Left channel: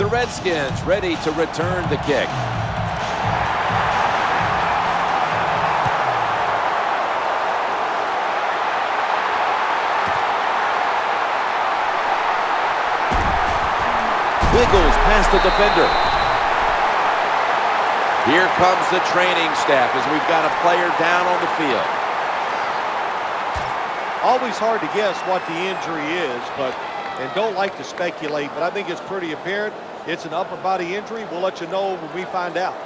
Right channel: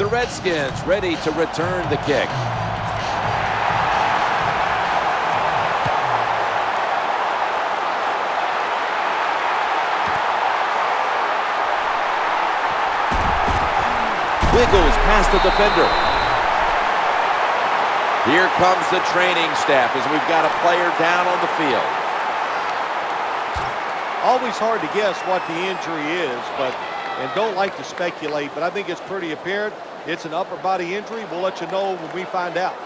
The Redskins ready to return the kick. Wiggles past the defender. Here comes the training staff as we've got a player down on the field. Always hard to guess what the injury is, and don't like to speculate, but I think it's pretty apparent. It's an upper body injury. We'll let you know when we find out.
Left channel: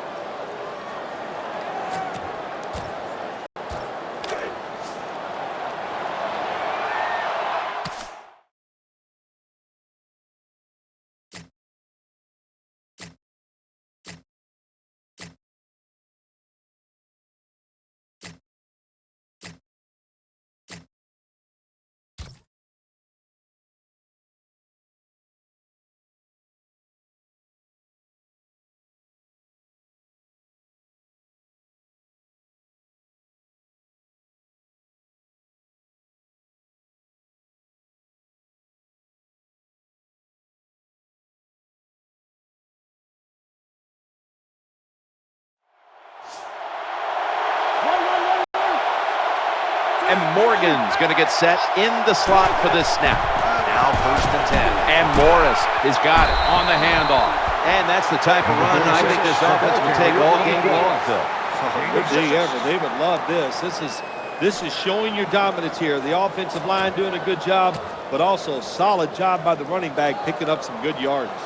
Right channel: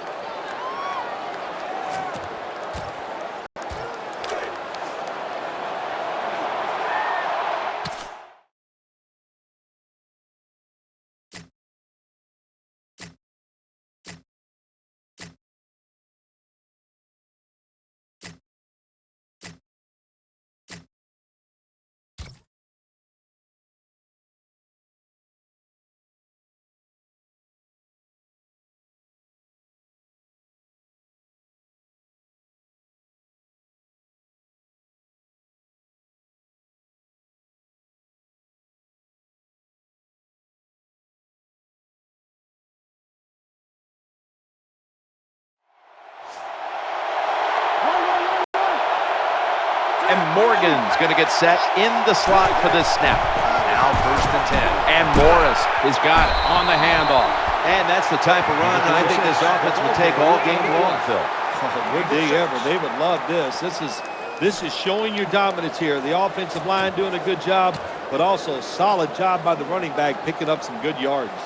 And Morgan's going to get set in the slot for this snap. Now 1st and 10. And Morris has got it on the handoff. And that's the type of run I think this offense would take all game long, Phil. Oh, would they ever? They would love this. This is showing your dominance here. The offensive line doing a good job, but also solid job by the running back picking up some good yards.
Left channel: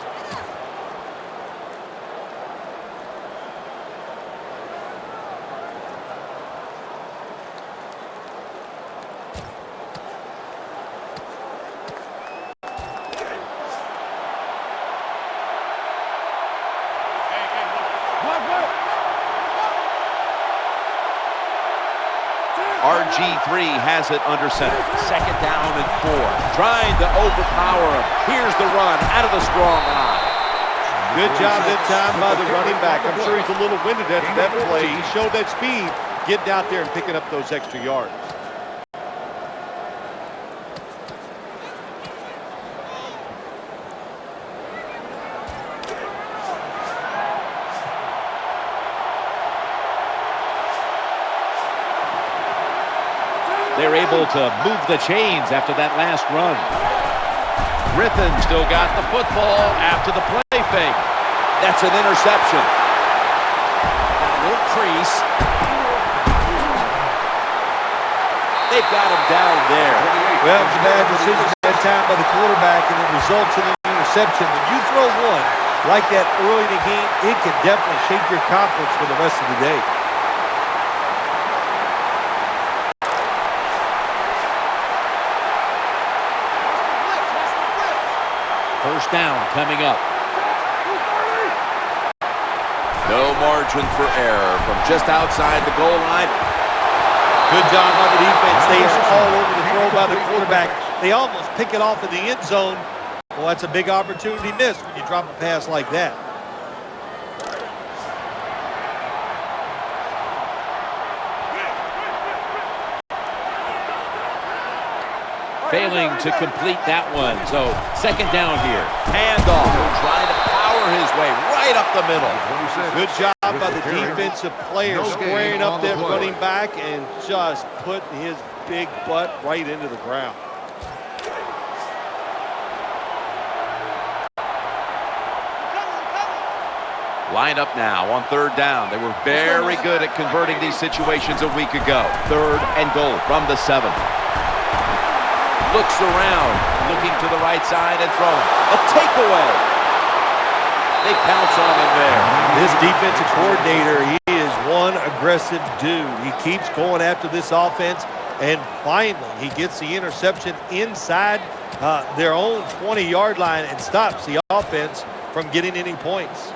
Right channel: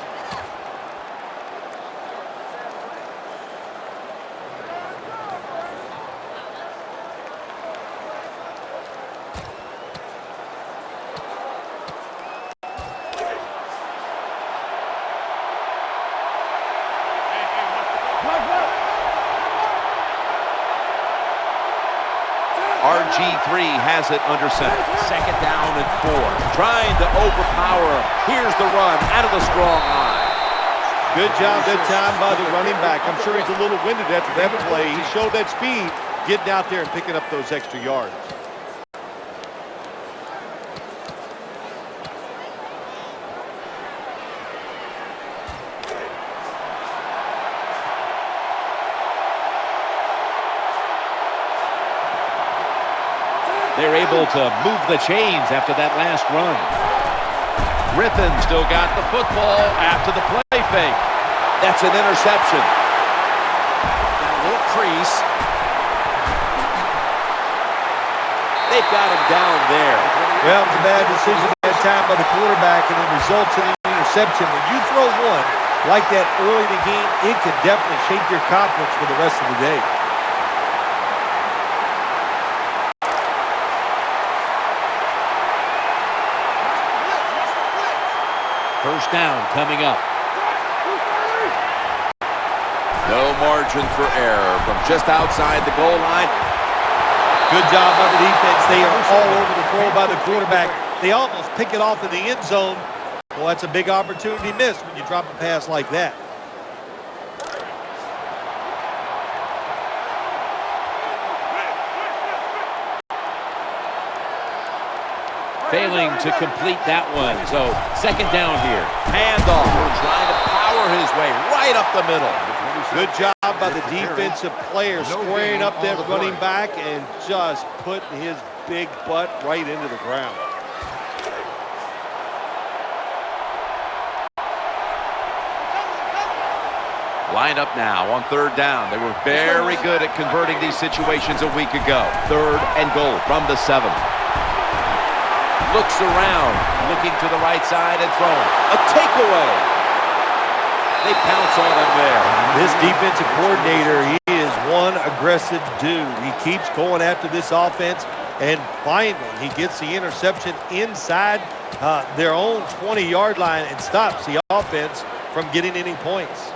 RG3 has it under center. 2nd down and 4. Trying to overpower him. Here's the run out of the strong eye. Good job that time by the running back. I'm sure he's a little winded after that play. He showed that speed, getting out there and picking up those extra yards. They're able to move the chains after that last run. Griffin still got the football after the play fake. That's an interception. Got a little crease. They've got him down there. Well, it was a bad decision that time by the quarterback, and it results in an interception. When you throw one like that early in the game, it can definitely shake your confidence for the rest of the day. First down coming up. No margin for error from just outside the goal line. Good job by the defense. They are all over the throw by the quarterback. They almost pick it off in the end zone. Well, that's a big opportunity missed when you drop a pass like that. Failing to complete that one. So 2nd down here. Handoff. Trying to power his way right up the middle. Good job by the defensive player squaring up that running back and just putting his big butt right into the ground. Line up now on 3rd down. They were very good at converting these situations a week ago. 3rd and goal from the 7. Looks around, looking to the right side and throwing. A takeaway. They pounce on him there. This defensive coordinator, he is one aggressive dude. He keeps going after this offense, and finally he gets the interception inside their own 20-yard line and stops the offense from getting any points.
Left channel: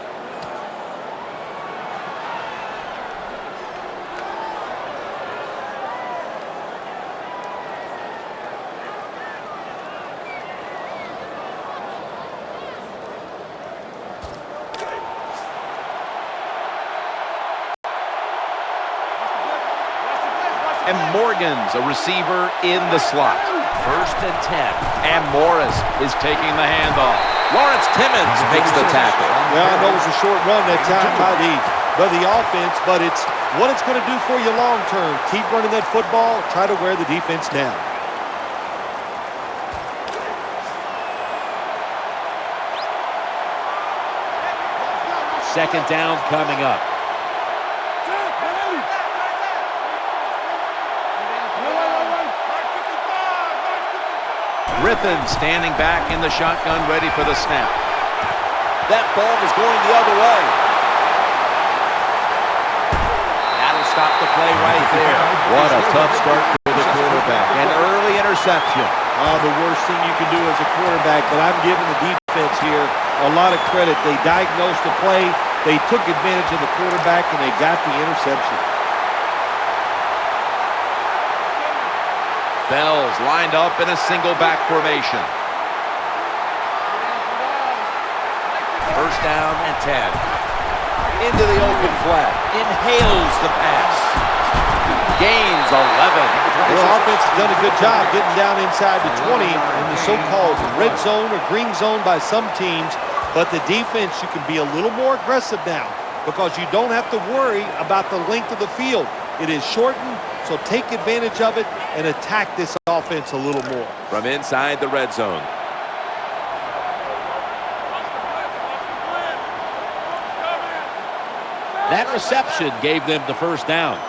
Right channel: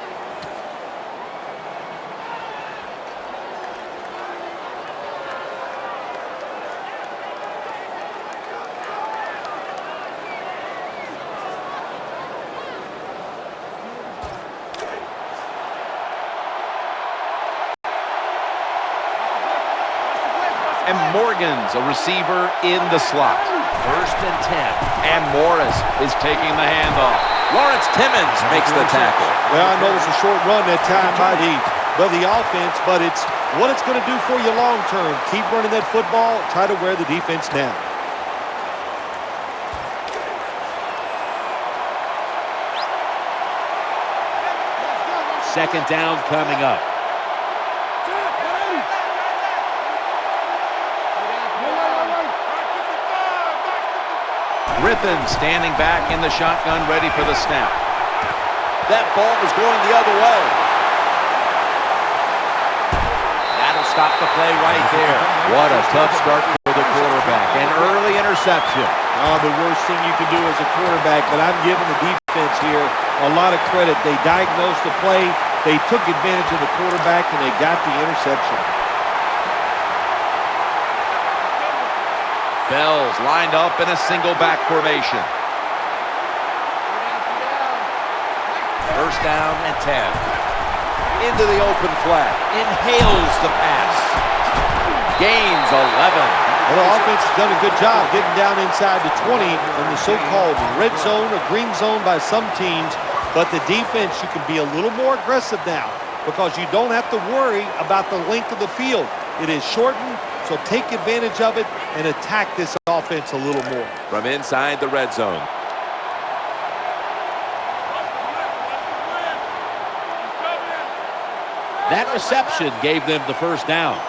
And Morgan's a receiver in the slot. 1st and 10. And Morris is taking the handoff. Lawrence Timmons makes the tackle. Well, I know it was a short run that time by the offense, but it's what it's going to do for you long term. Keep running that football, try to wear the defense down. Second down coming up. Griffin standing back in the shotgun, ready for the snap. That ball was going the other way. That'll stop the play right there. What a tough start for the quarterback. An early interception. The worst thing you can do as a quarterback, but I'm giving the defense here a lot of credit. They diagnosed the play, they took advantage of the quarterback, and they got the interception. Bell's lined up in a single back formation. First down and 10. Into the open flat. Inhales the pass. Gains 11. Well, the offense has done a good job getting down inside the 20 in the so-called red zone or green zone by some teams. But the defense, you can be a little more aggressive now because you don't have to worry about the length of the field. It is shortened, so take advantage of it and attack this offense a little more. From inside the red zone. Watch the blitz. He's coming. That reception gave them the first down.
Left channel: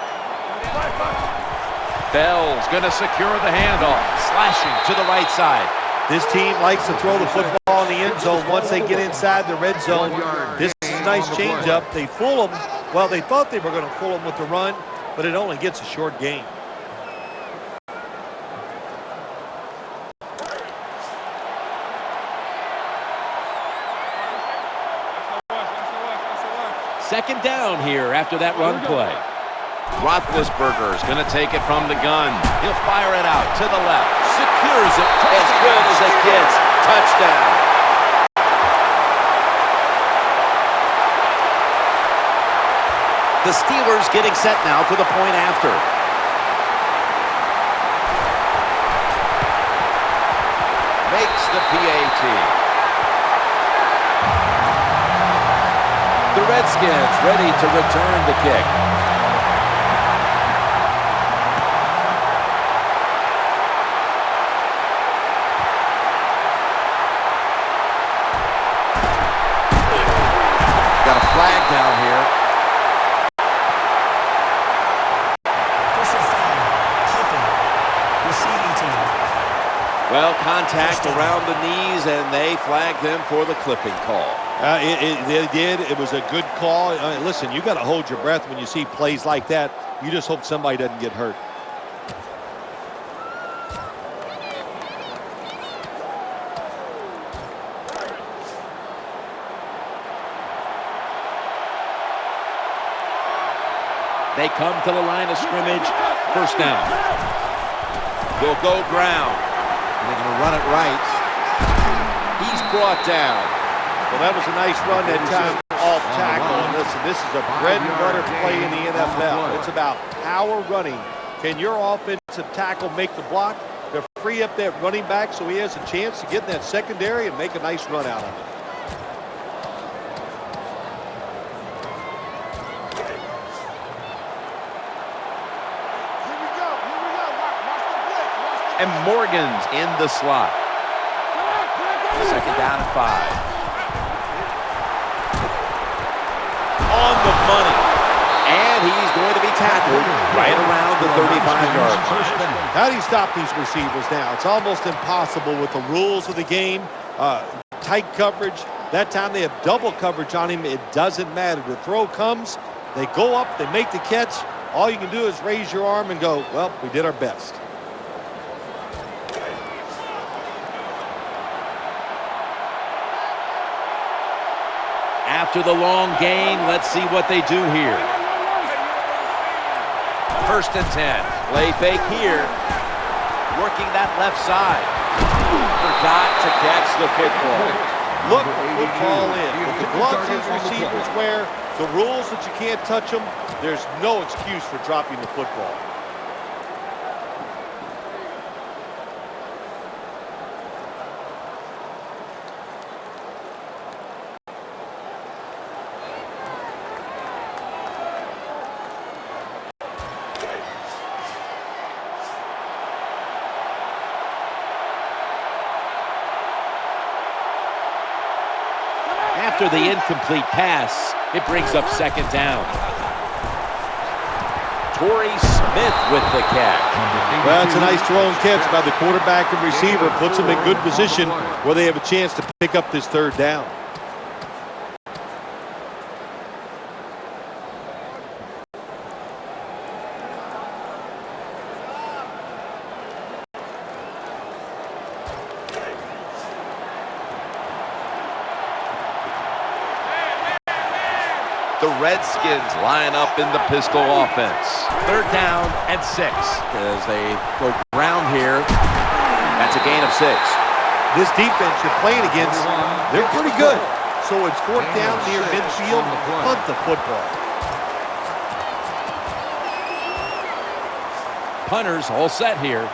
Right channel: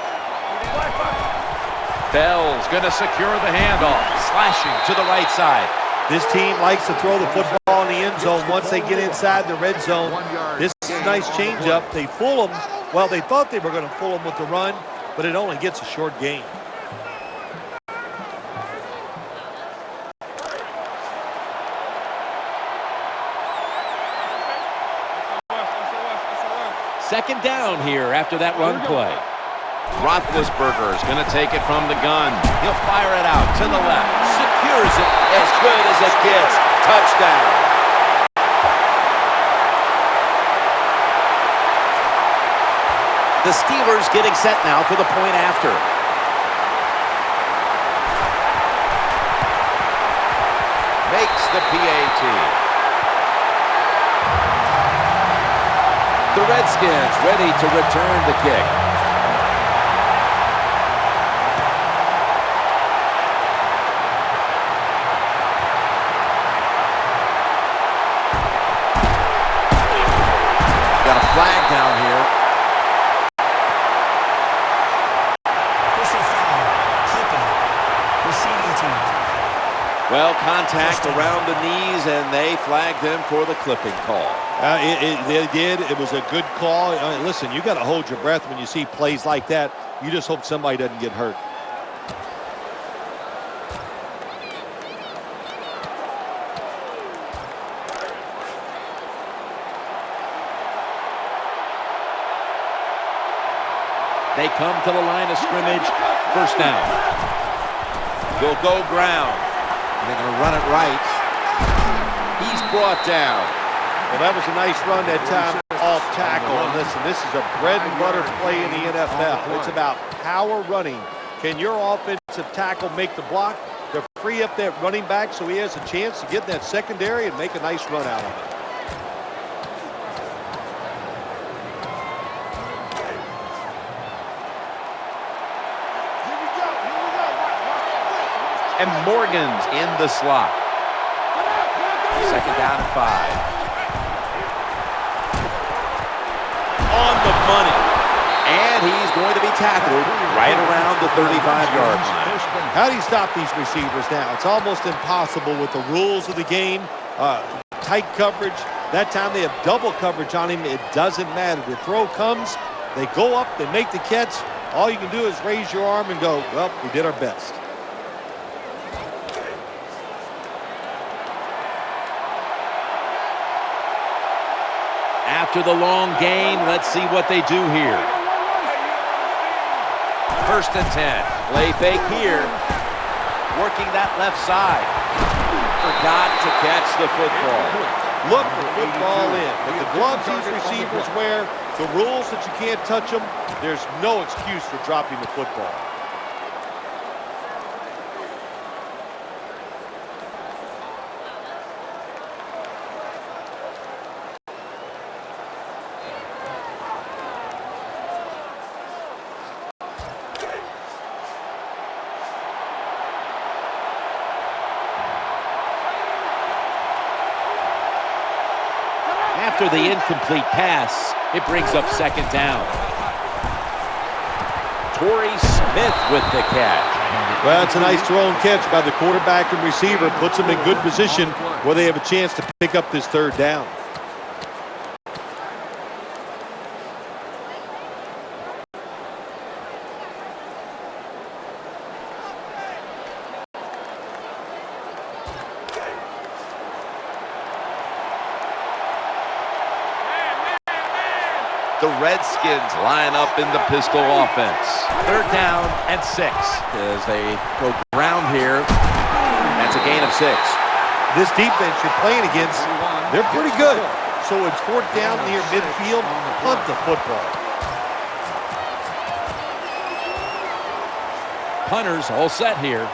Bell's going to secure the handoff, slashing to the right side. This team likes to throw the football in the end zone once they get inside the red zone. This is a nice changeup. They fool them. Well, they thought they were going to fool them with the run, but it only gets a short gain. Second down here after that run play. Roethlisberger's going to take it from the gun. He'll fire it out to the left. Secures it as good as it gets. Touchdown. The Steelers getting set now for the point after. Makes the PAT. The Redskins ready to return the kick. Got a flag down here. Personal foul, clipping, receiving team. Well, contact around the knees, and they flagged them for the clipping call. They did. It was a good call. Listen, you got to hold your breath when you see plays like that. You just hope somebody doesn't get hurt. They come to the line of scrimmage. First down. They'll go ground. And they're going to run it right. He's brought down. Well, that was a nice run that time off tackle. And listen, this is a bread and butter play in the NFL. It's about power running. Can your offensive tackle make the block to free up that running back so he has a chance to get in that secondary and make a nice run out of it? And Morgan's in the slot. Second down and 5. On the money. And he's going to be tackled right around the 35-yard line. How do you stop these receivers now? It's almost impossible with the rules of the game. Tight coverage. That time they have double coverage on him. It doesn't matter. The throw comes. They go up. They make the catch. All you can do is raise your arm and go, well, we did our best. After the long gain, let's see what they do here. First and 10. Play fake here. Working that left side. Forgot to catch the football. Look the football in. With the gloves these receivers wear, the rules that you can't touch them, there's no excuse for dropping the football. After the incomplete pass, it brings up second down. Torrey Smith with the catch. Well, it's a nice throw and catch by the quarterback and receiver. Puts them in good position where they have a chance to pick up this third down. The Redskins line up in the pistol offense. Third down and 6 as they go ground here. That's a gain of 6. This defense you're playing against, they're pretty good. So it's fourth down near midfield. Punt the football. Punters all set here.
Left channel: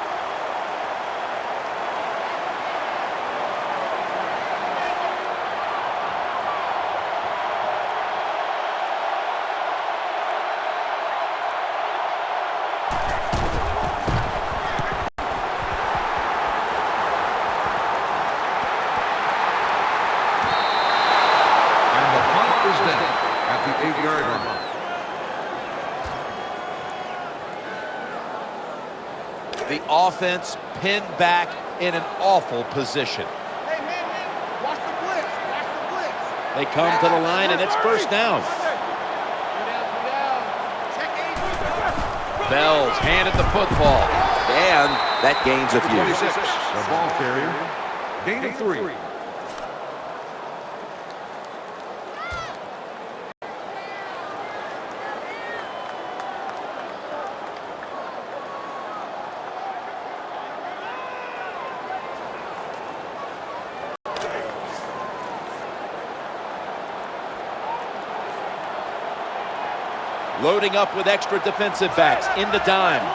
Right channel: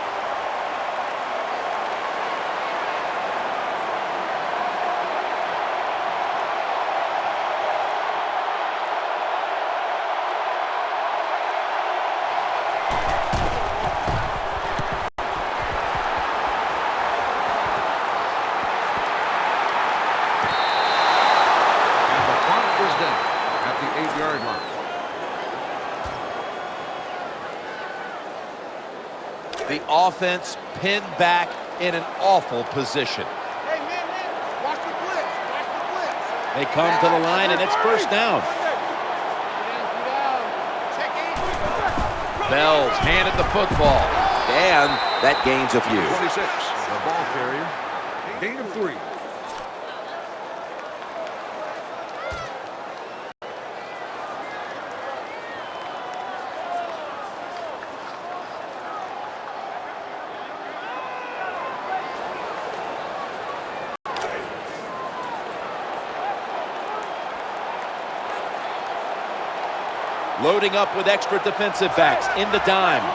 At the 8-yard line. The offense pinned back in an awful position. Hey, man, watch the blitz. Watch the blitz. They come to the line, and it's first down. 3 down. Check 8. Bell's handed the football, and that gains a few. 26, the ball carrier. Gain of 3. Loading up with extra defensive backs in the dime. 4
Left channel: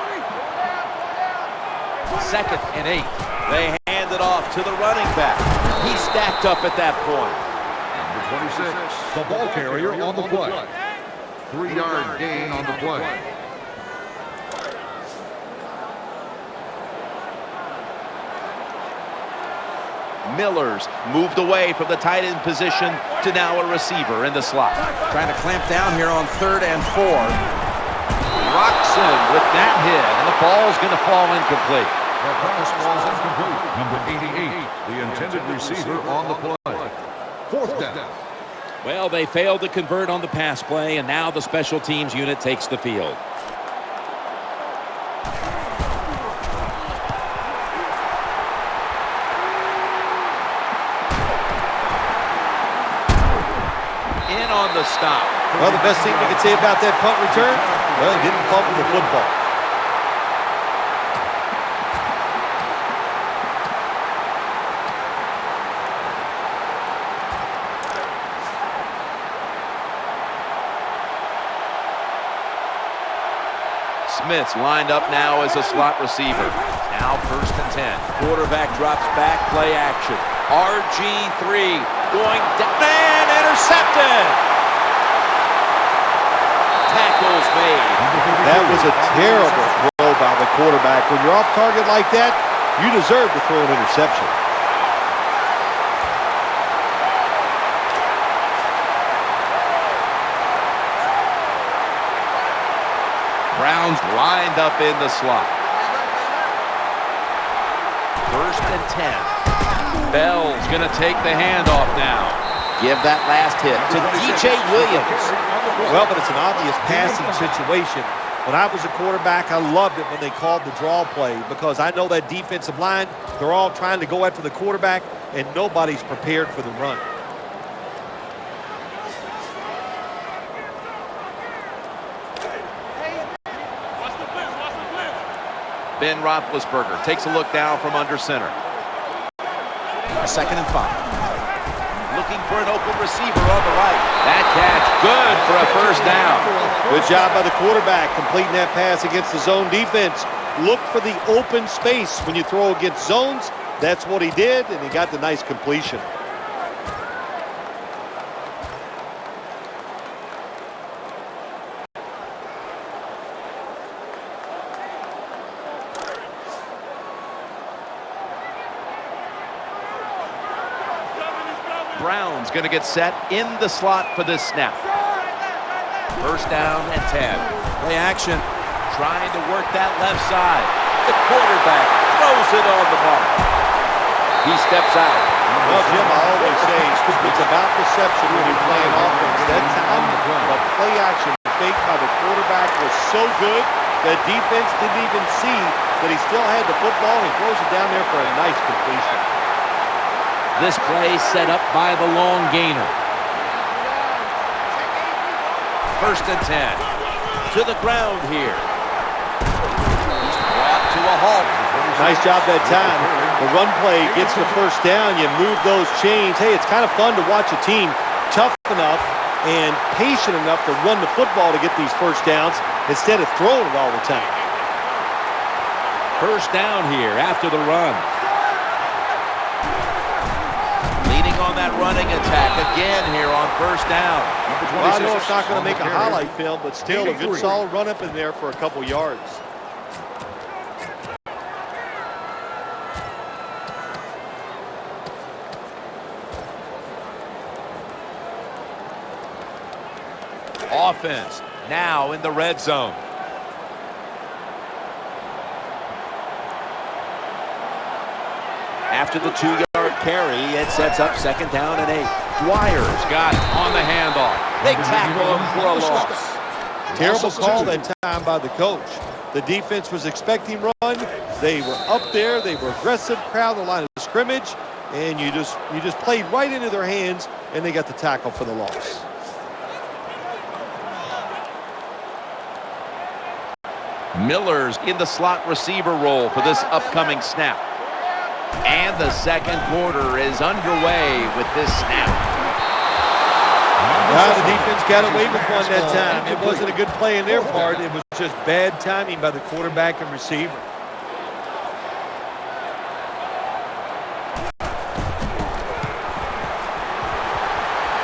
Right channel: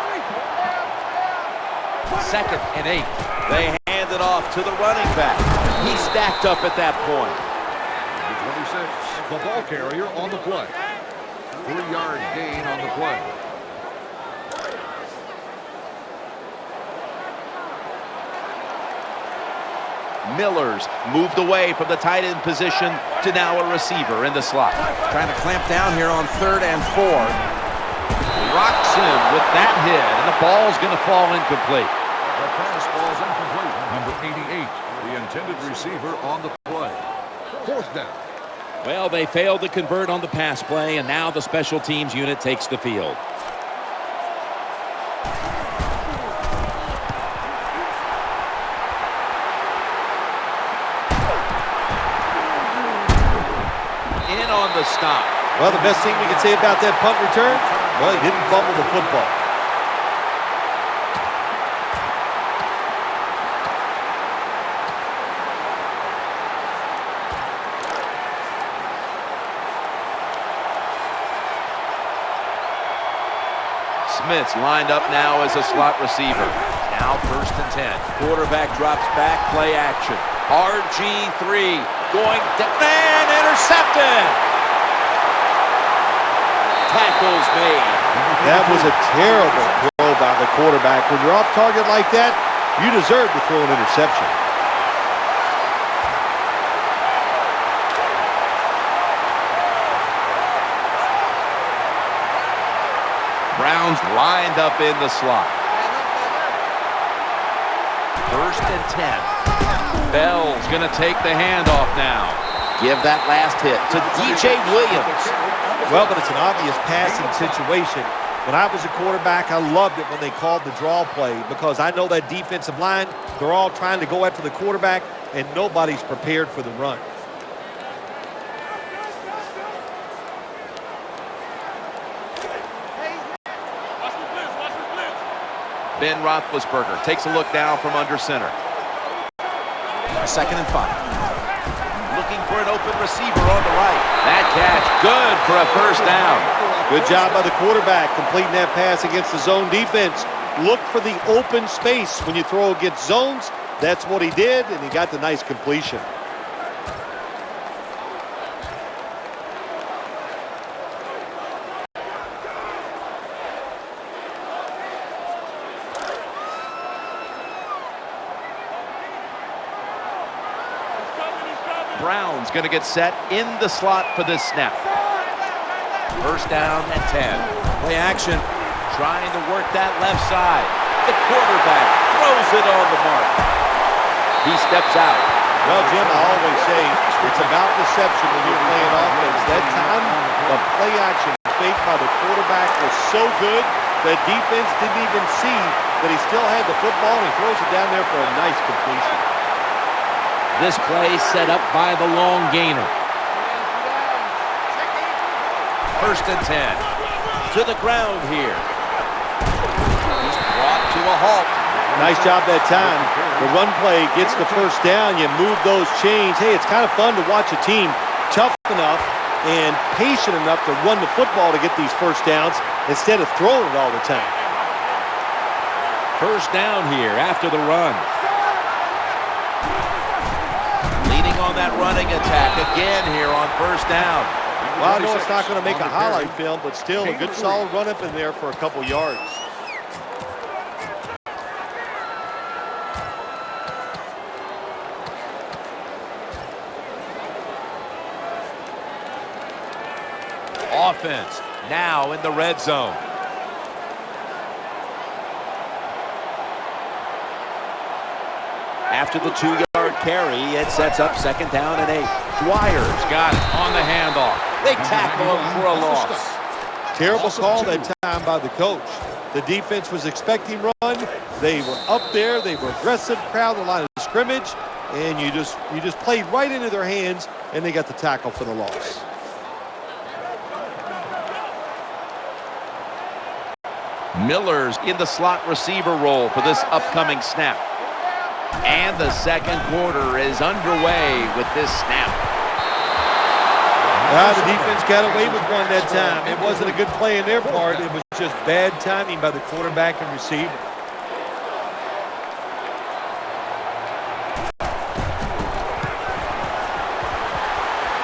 down. Second and 8. They hand it off to the running back. He stacked up at that point. Number 26, the ball carrier on the play. 3-yard gain on the play. Miller's moved away from the tight end position to now a receiver in the slot. Trying to clamp down here on 3rd and 4. Roxon with that hit, and the ball's going to fall incomplete. The pass falls incomplete. Number 88, the intended receiver on the play. 4th down. Well, they failed to convert on the pass play, and now the special teams unit takes the field. In on the stop. Well, the best thing we can say about that punt return, well, he didn't fumble the football. Smith's lined up now as a slot receiver. Now 1st and 10. Quarterback drops back, play action. RG3 going down and intercepted. Tackles made. That was a terrible throw by the quarterback. When you're off target like that, you deserve to throw an interception. Browns lined up in the slot. 1st and 10. Bell's going to take the handoff now. Give that last hit to DJ Williams. Well, but it's an obvious passing situation. When I was a quarterback, I loved it when they called the draw play because I know that defensive line, they're all trying to go after the quarterback, and nobody's prepared for the run. Watch the blitz. Watch the blitz. Ben Roethlisberger takes a look down from under center. 2nd and 5. Looking for an open receiver on the right. That catch good for a first down. Good job by the quarterback completing that pass against the zone defense. Look for the open space when you throw against zones. That's what he did, and he got the nice completion. He's coming. Brown's going to get set in the slot for this snap. First down and 10. Play action. Trying to work that left side. The quarterback throws it on the mark. He steps out. Well, Jim, I always say it's about deception when you're playing offense. That time, the play action fake by the quarterback was so good, the defense didn't even see that he still had the football, and he throws it down there for a nice completion. This play set up by the long gainer. First and 10. To the ground here. He's brought to a halt. Nice job that time. The run play gets the first down. You move those chains. Hey, it's kind of fun to watch a team tough enough and patient enough to run the football to get these first downs instead of throwing it all the time. First down here after the run. Leading on that running attack again here on first down. Well, I know it's not going to make a highlight film, but still a good solid run up in there for a couple yards. Offense now in the red zone. After the 2-yard carry, it sets up second down and 8. Dwyer's got it on the handoff. They tackle him for a loss. Terrible call that time by the coach. The defense was expecting run. They were up there. They were aggressive, crowd the line of scrimmage, and you just played right into their hands, and they got the tackle for the loss. Miller's in the slot receiver role for this upcoming snap. And the second quarter is underway with this snap. The defense got away with one that time. It wasn't a good play in their part. It was just bad timing by the quarterback and receiver.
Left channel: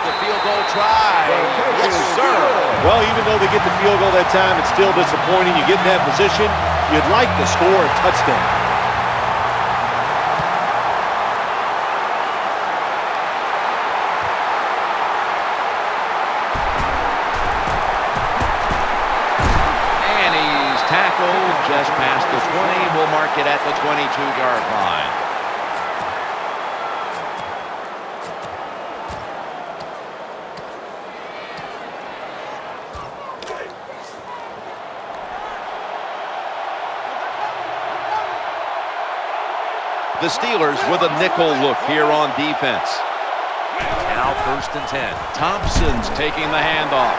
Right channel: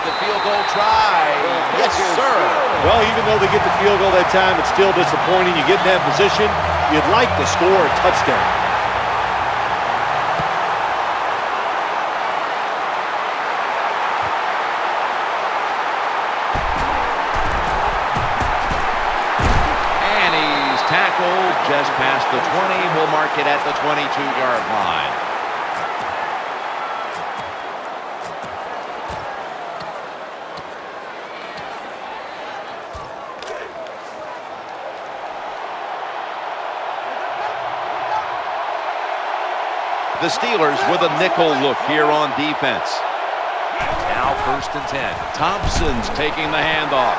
The field goal try. Yes, sir. Well, even though they get the field goal that time, it's still disappointing. You get in that position, you'd like to score a touchdown. And he's tackled just past the 20. We'll mark it at the 22-yard line. The Steelers with a nickel look here on defense. Now first and 10. Thompson's taking the handoff.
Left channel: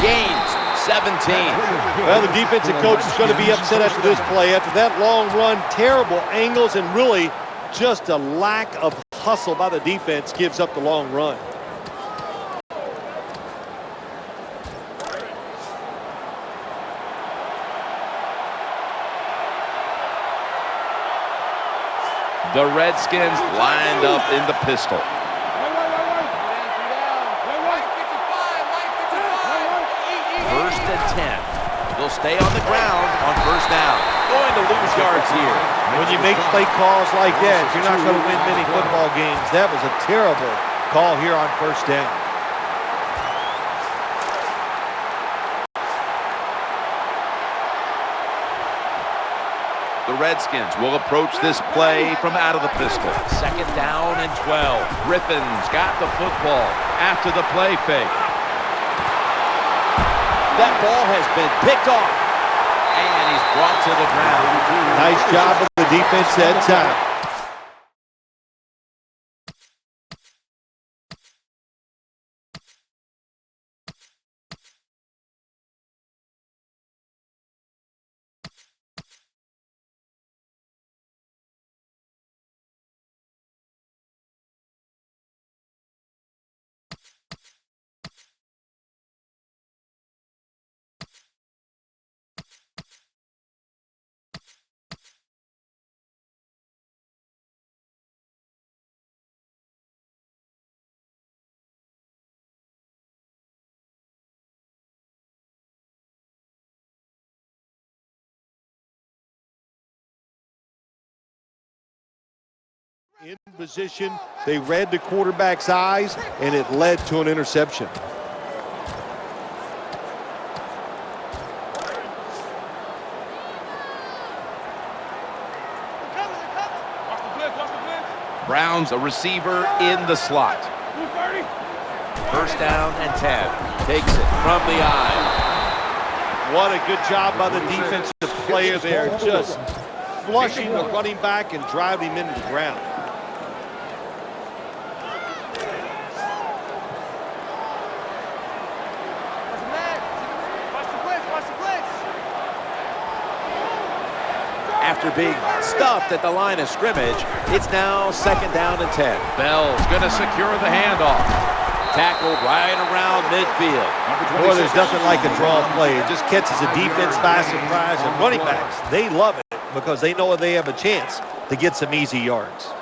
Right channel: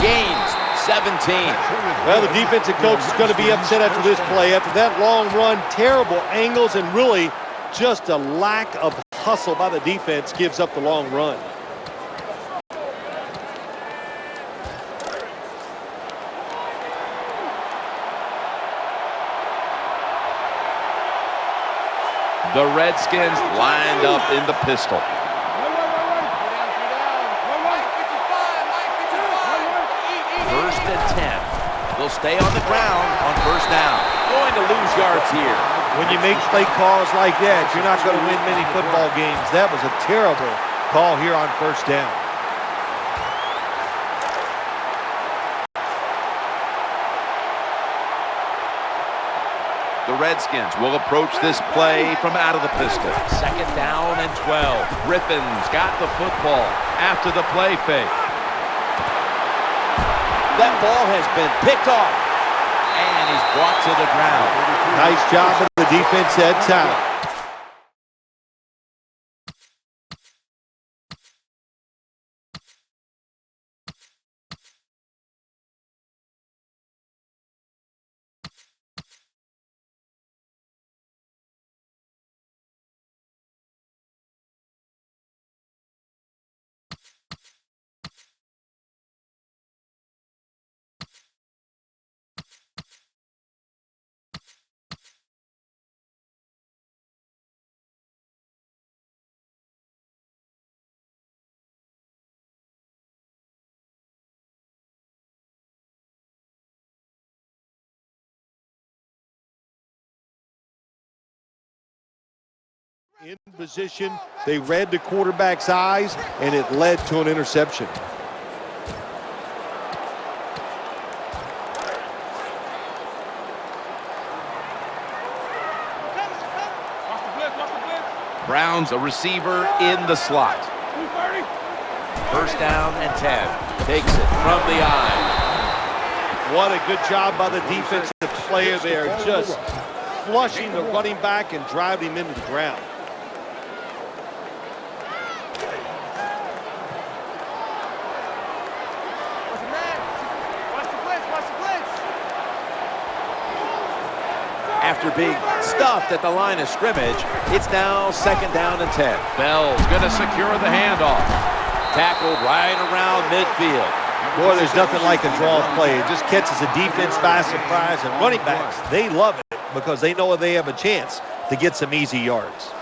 Gains 17. Well, the defensive coach is going to be upset after this play. After that long run, terrible angles, and really just a lack of hustle by the defense gives up the long run. The Redskins lined up in the pistol. Wait. Three down. Mike 55, Mike 55. First and 10. They'll stay on the ground on first down. Going to lose yards here. When you make play calls like that, you're not going to win many football games. That was a terrible call here on first down. The Redskins will approach this play from out of the pistol. Second down and 12. Griffin's got the football after the play fake. That ball has been picked off, and he's brought to the ground. Nice job of the defense that time. in position. They read the quarterback's eyes, and it led to an interception. Watch the blitz, watch the blitz. Browns a receiver in the slot. 230. First down and 10. Takes it from the eye. What a good job by the defensive player there, just flushing the running back and driving him into the ground. Watch the man. Watch the blitz, watch the blitz. After being stuffed at the line of scrimmage, it's now second down and 10. Bell's going to secure the handoff. Tackled right around midfield. Boy, there's nothing like a draw play. It just catches the defense by surprise, and running backs, they love it because they know they have a chance to get some easy yards.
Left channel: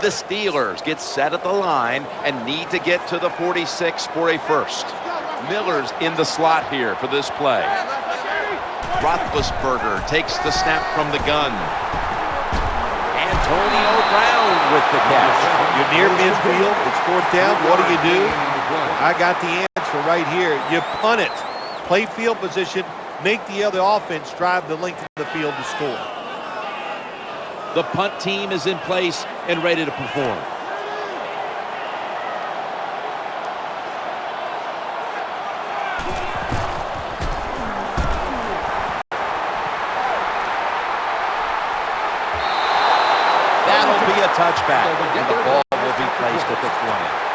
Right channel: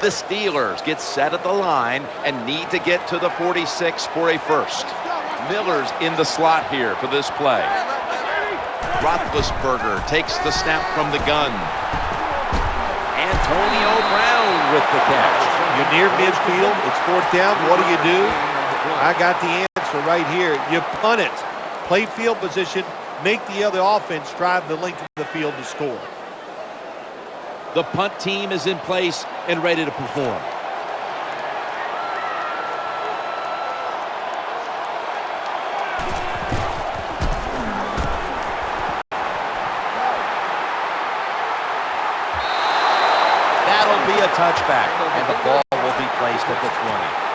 The Steelers get set at the line and need to get to the 46 for a first. Miller's in the slot here for this play. Roethlisberger takes the snap from the gun. Antonio Brown with the catch. You're near midfield. It's fourth down. What do? I got the answer right here. You punt it. Play field position. Make the other offense drive the length of the field to score. The punt team is in place and ready to perform. That'll be a touchback, and the ball will be placed at the 20.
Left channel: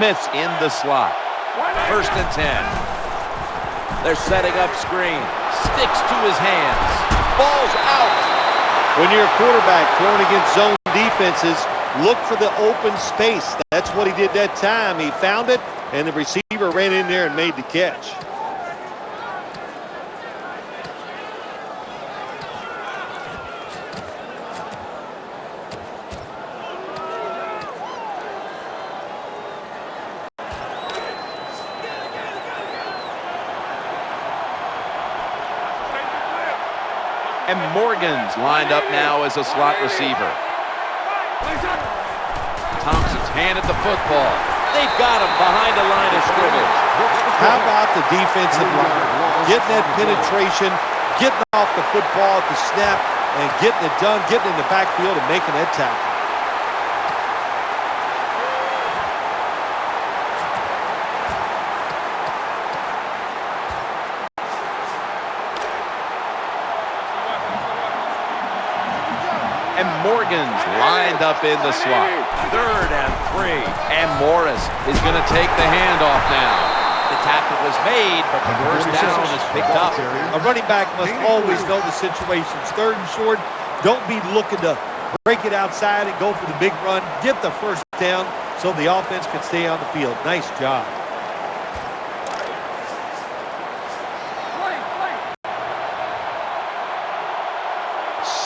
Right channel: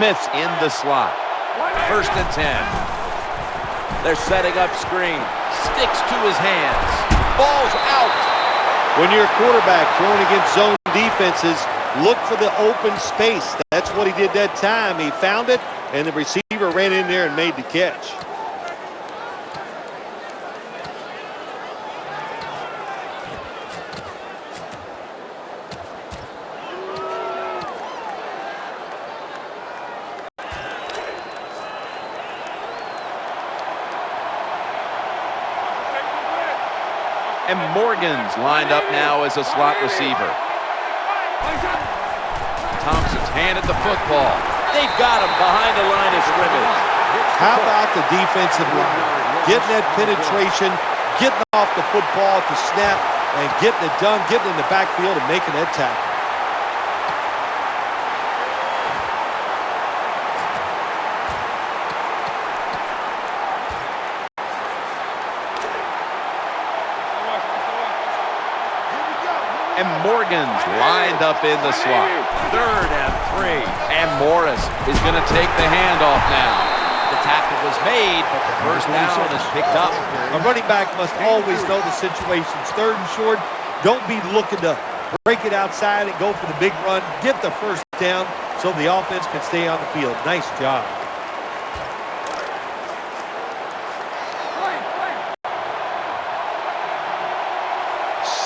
Smith's in the slot. First and 10. They're setting up screen. Sticks to his hands. Ball's out. When you're a quarterback throwing against zone defenses, look for the open space. That's what he did that time. He found it, and the receiver ran in there and made the catch. And Morgan's lined up now as a slot receiver. Thompson's handed the football. They've got him behind the line of scrimmage. How about the defensive line? Getting that penetration, getting off the football at the snap, and getting it done, getting in the backfield and making that tackle. And Morgan's lined up in the slot. Third and 3. And Morris is going to take the handoff now. The tackle was made, but the first down is picked up. A running back must always know the situations. Third and short, don't be looking to break it outside and go for the big run. Get the first down so the offense can stay on the field. Nice job.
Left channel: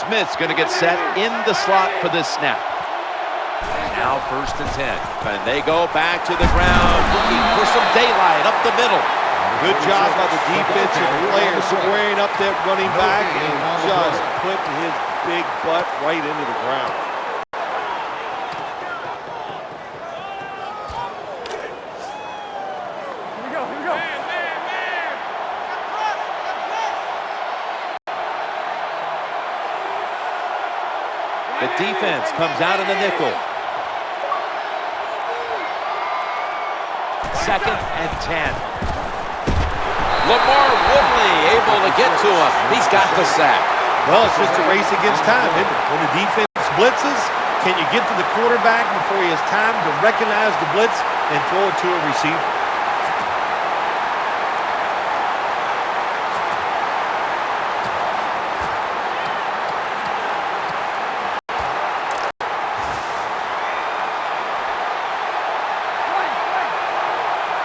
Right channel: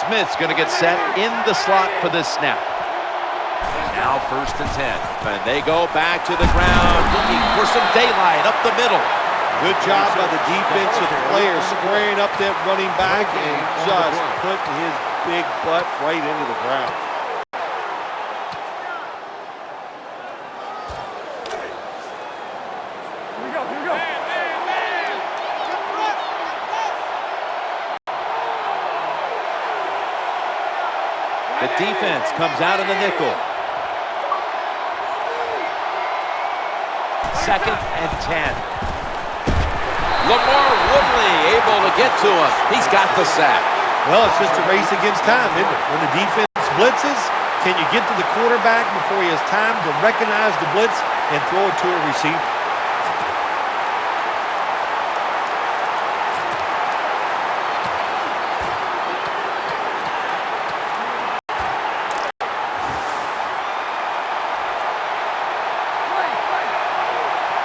Smith's going to get set in the slot for this snap. Now first and 10. And they go back to the ground looking for some daylight up the middle. Good job by the defensive player squaring up that running back and just putting his big butt right into the ground. Here we go, here we go. Man. We got press, The defense comes out of the nickel. Second and 10. Lamar Woodley able to get to him. He's got the sack. Well, it's just a race against time, isn't it? When the defense blitzes, can you get to the quarterback before he has time to recognize the blitz and throw it to a receiver?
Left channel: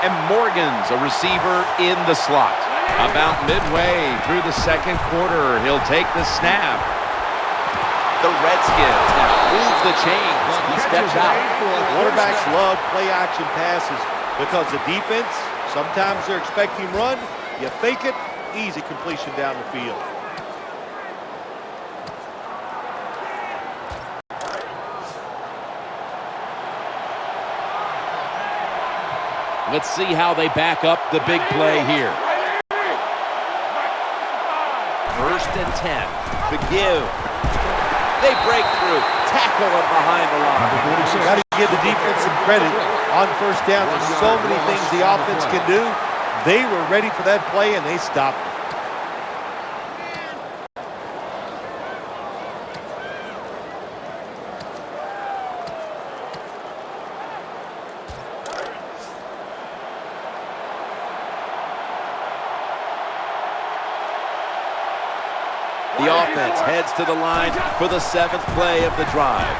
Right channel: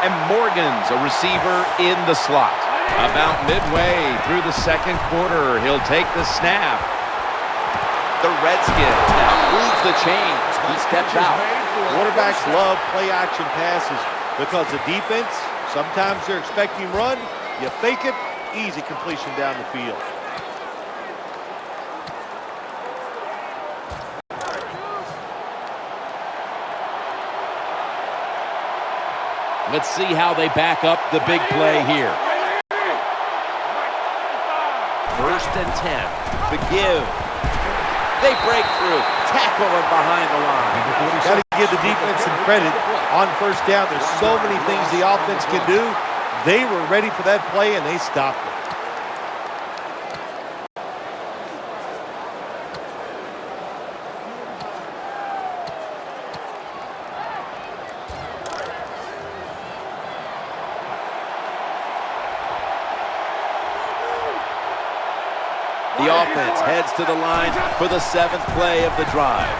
And Morgan's a receiver in the slot. About midway through the second quarter, he'll take the snap. The Redskins now move the chains. He steps out. Quarterbacks love play-action passes because the defense, sometimes they're expecting run. You fake it, easy completion down the field. Let's see how they back up the big play here. 1st and 10. The give. They break through. Tackle him behind the line. Got to give the defense some credit on 1st down. There's so many things the offense can do. They were ready for that play, and they stopped it. The offense heads to the line for the 7th play of the drive.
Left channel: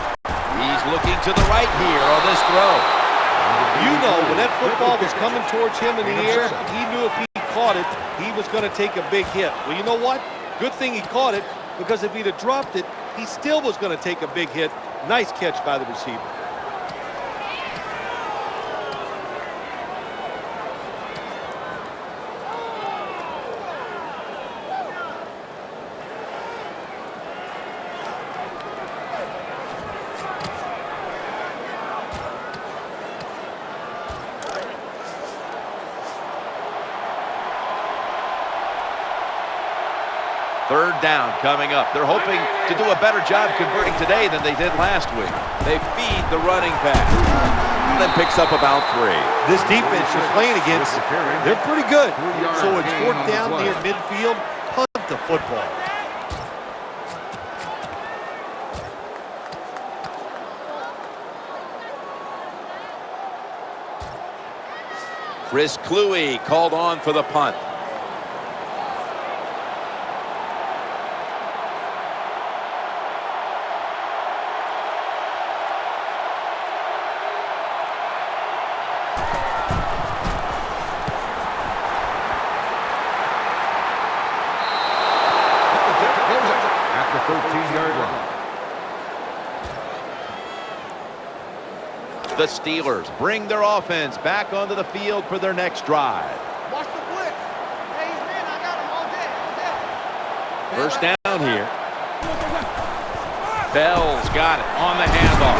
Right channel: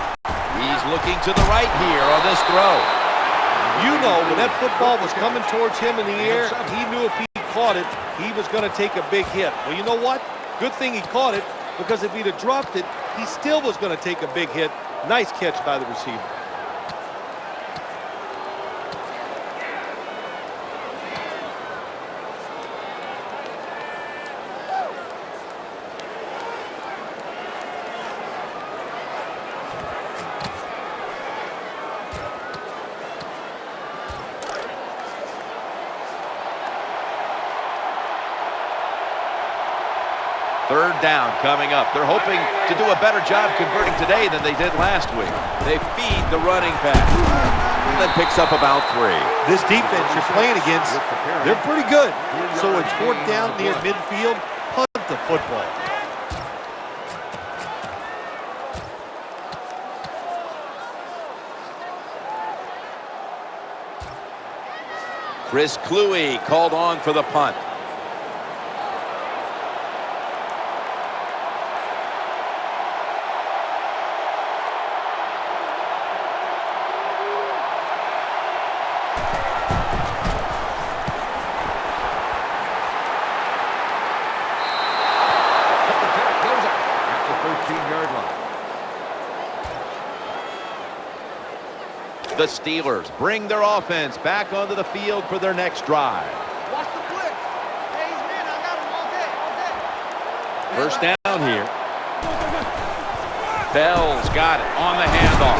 He's looking to the right here on this throw. You know, when that football was coming towards him in the air, he knew if he caught it, he was going to take a big hit. Well, you know what? Good thing he caught it, because if he'd have dropped it, he still was going to take a big hit. Nice catch by the receiver. Third down coming up. They're hoping to do a better job converting today than they did last week. They feed the running back. And then picks up about 3. This defense you're playing against, they're pretty good. So it's 4th down near midfield. Punt the football. Chris Cluey called on for the punt. At the 13-yard line. The Steelers bring their offense back onto the field for their next drive. Watch the blitz. Hey, he's man. I got him all day, all day. 1st down here. Bell's got it on the handoff.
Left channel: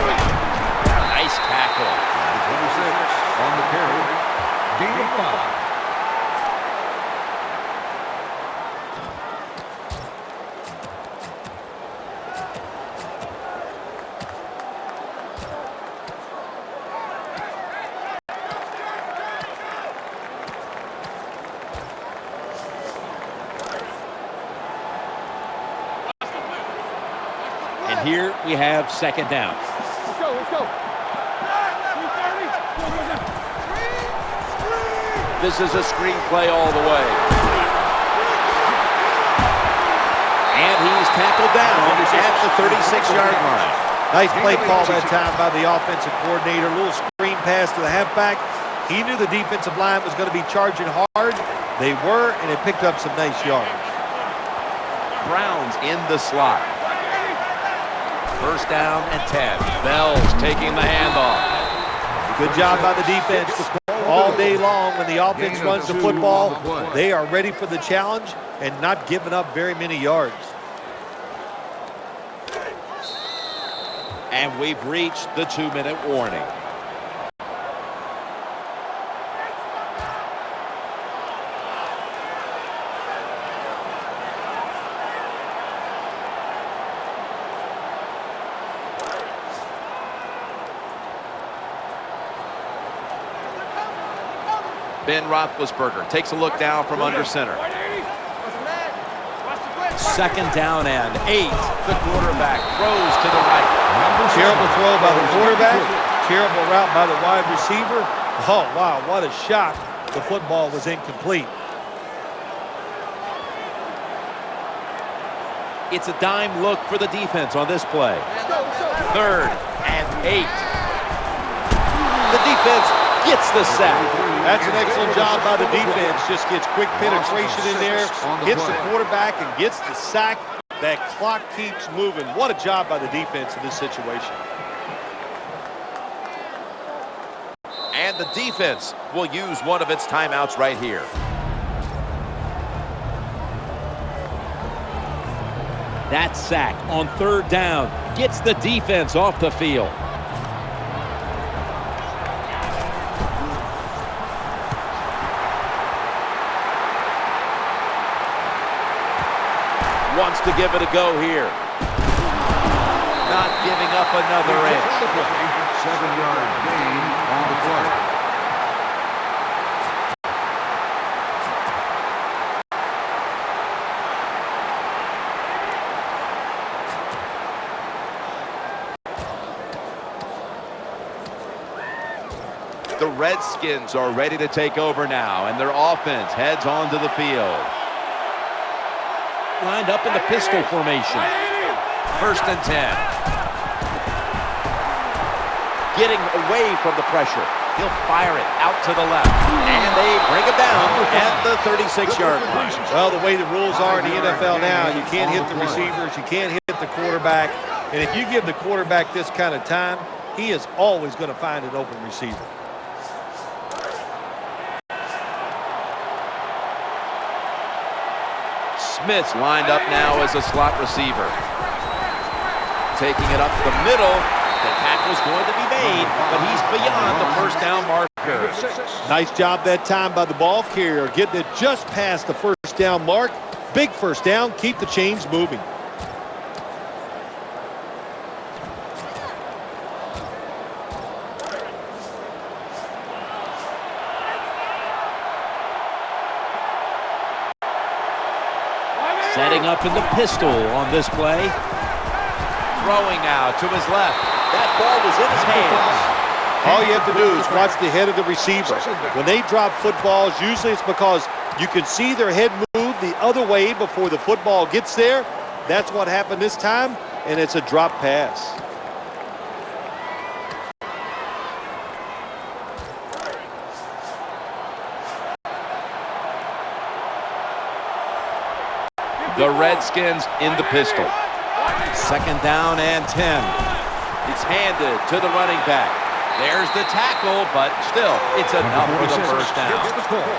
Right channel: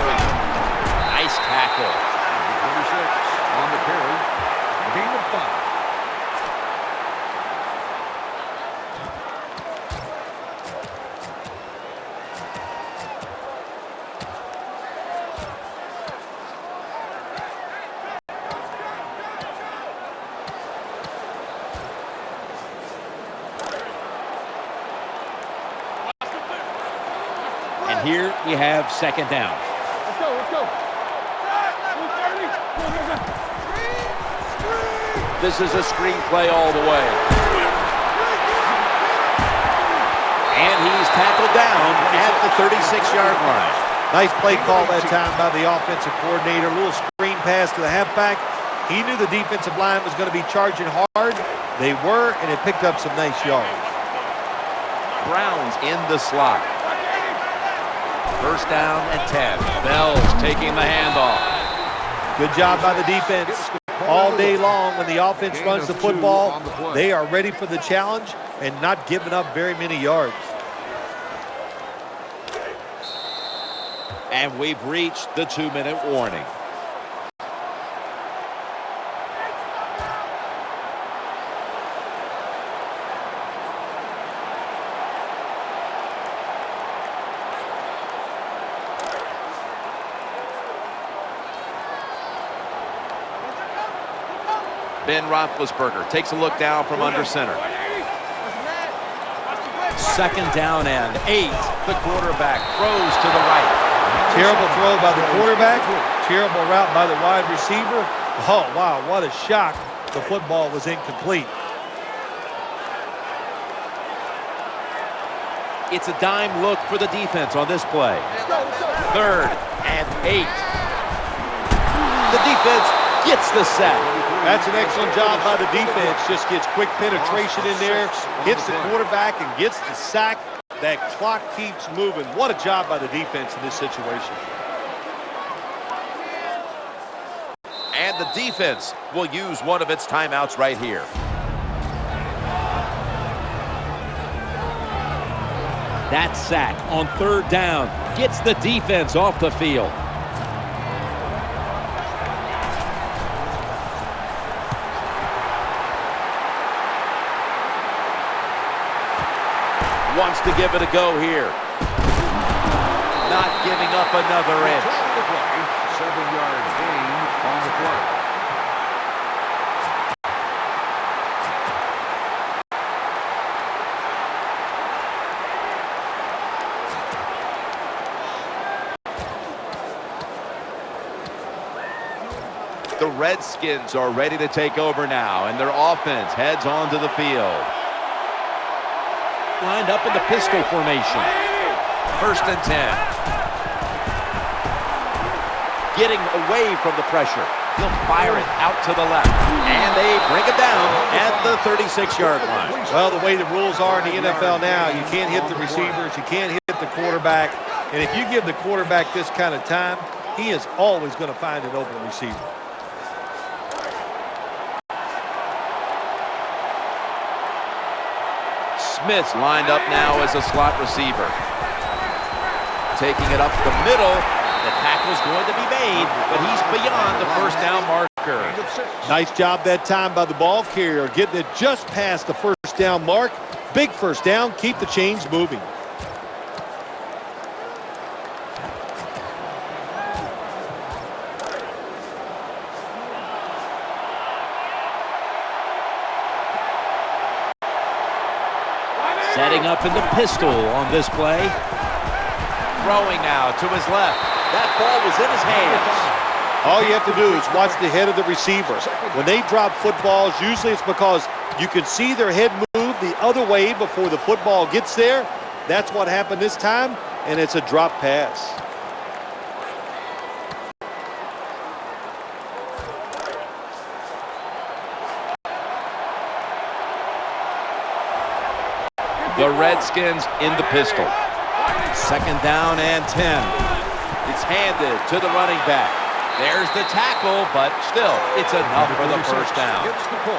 Nice tackle. 26 on the carry. Gain of 5. And here we have 2nd down. Let's go, let's go. This is a screen play all the way. And he's tackled down at the 36-yard line. Nice play call that time by the offensive coordinator. A little screen pass to the halfback. He knew the defensive line was going to be charging hard. They were, and it picked up some nice yards. Browns in the slot. 1st down and 10. Bell's taking the handoff. Good job by the defense. All day long when the offense runs the football, they are ready for the challenge and not giving up very many yards. And we've reached the 2-minute warning. Ben Roethlisberger takes a look down from under center. 2nd down and 8. The quarterback throws to the right. Terrible throw by the quarterback. Terrible route by the wide receiver. Oh, wow, what a shock. The football was incomplete. It's a dime look for the defense on this play. 3rd and 8. The defense gets the sack. That's an excellent job by the defense. Just gets quick penetration in there, hits the quarterback and gets the sack. That clock keeps moving. What a job by the defense in this situation. And the defense will use one of its timeouts right here. That sack on 3rd down gets the defense off the field. Wants to give it a go here. Not giving up another inch. 7-yard gain on the play. The Redskins are ready to take over now, and their offense heads onto the field. Lined up in the pistol formation. 1st and 10. Getting away from the pressure. He'll fire it out to the left. And they bring it down at the 36-yard line. Well, the way the rules are in the NFL now, you can't hit the receivers, you can't hit the quarterback. And if you give the quarterback this kind of time, he is always going to find an open receiver. Smith's lined up now as a slot receiver. Taking it up the middle. The tackle's going to be made, but he's beyond the 1st down marker. Nice job that time by the ball carrier, getting it just past the 1st down mark. Big 1st down, keep the chains moving. Setting up in the pistol on this play. Throwing now to his left. That ball was in his hands. All you have to do is watch the head of the receiver. When they drop footballs, usually it's because you can see their head move the other way before the football gets there. That's what happened this time, and it's a drop pass. The Redskins in the pistol. 2nd down and 10. It's handed to the running back. There's the tackle, but still, it's enough for the 1st down.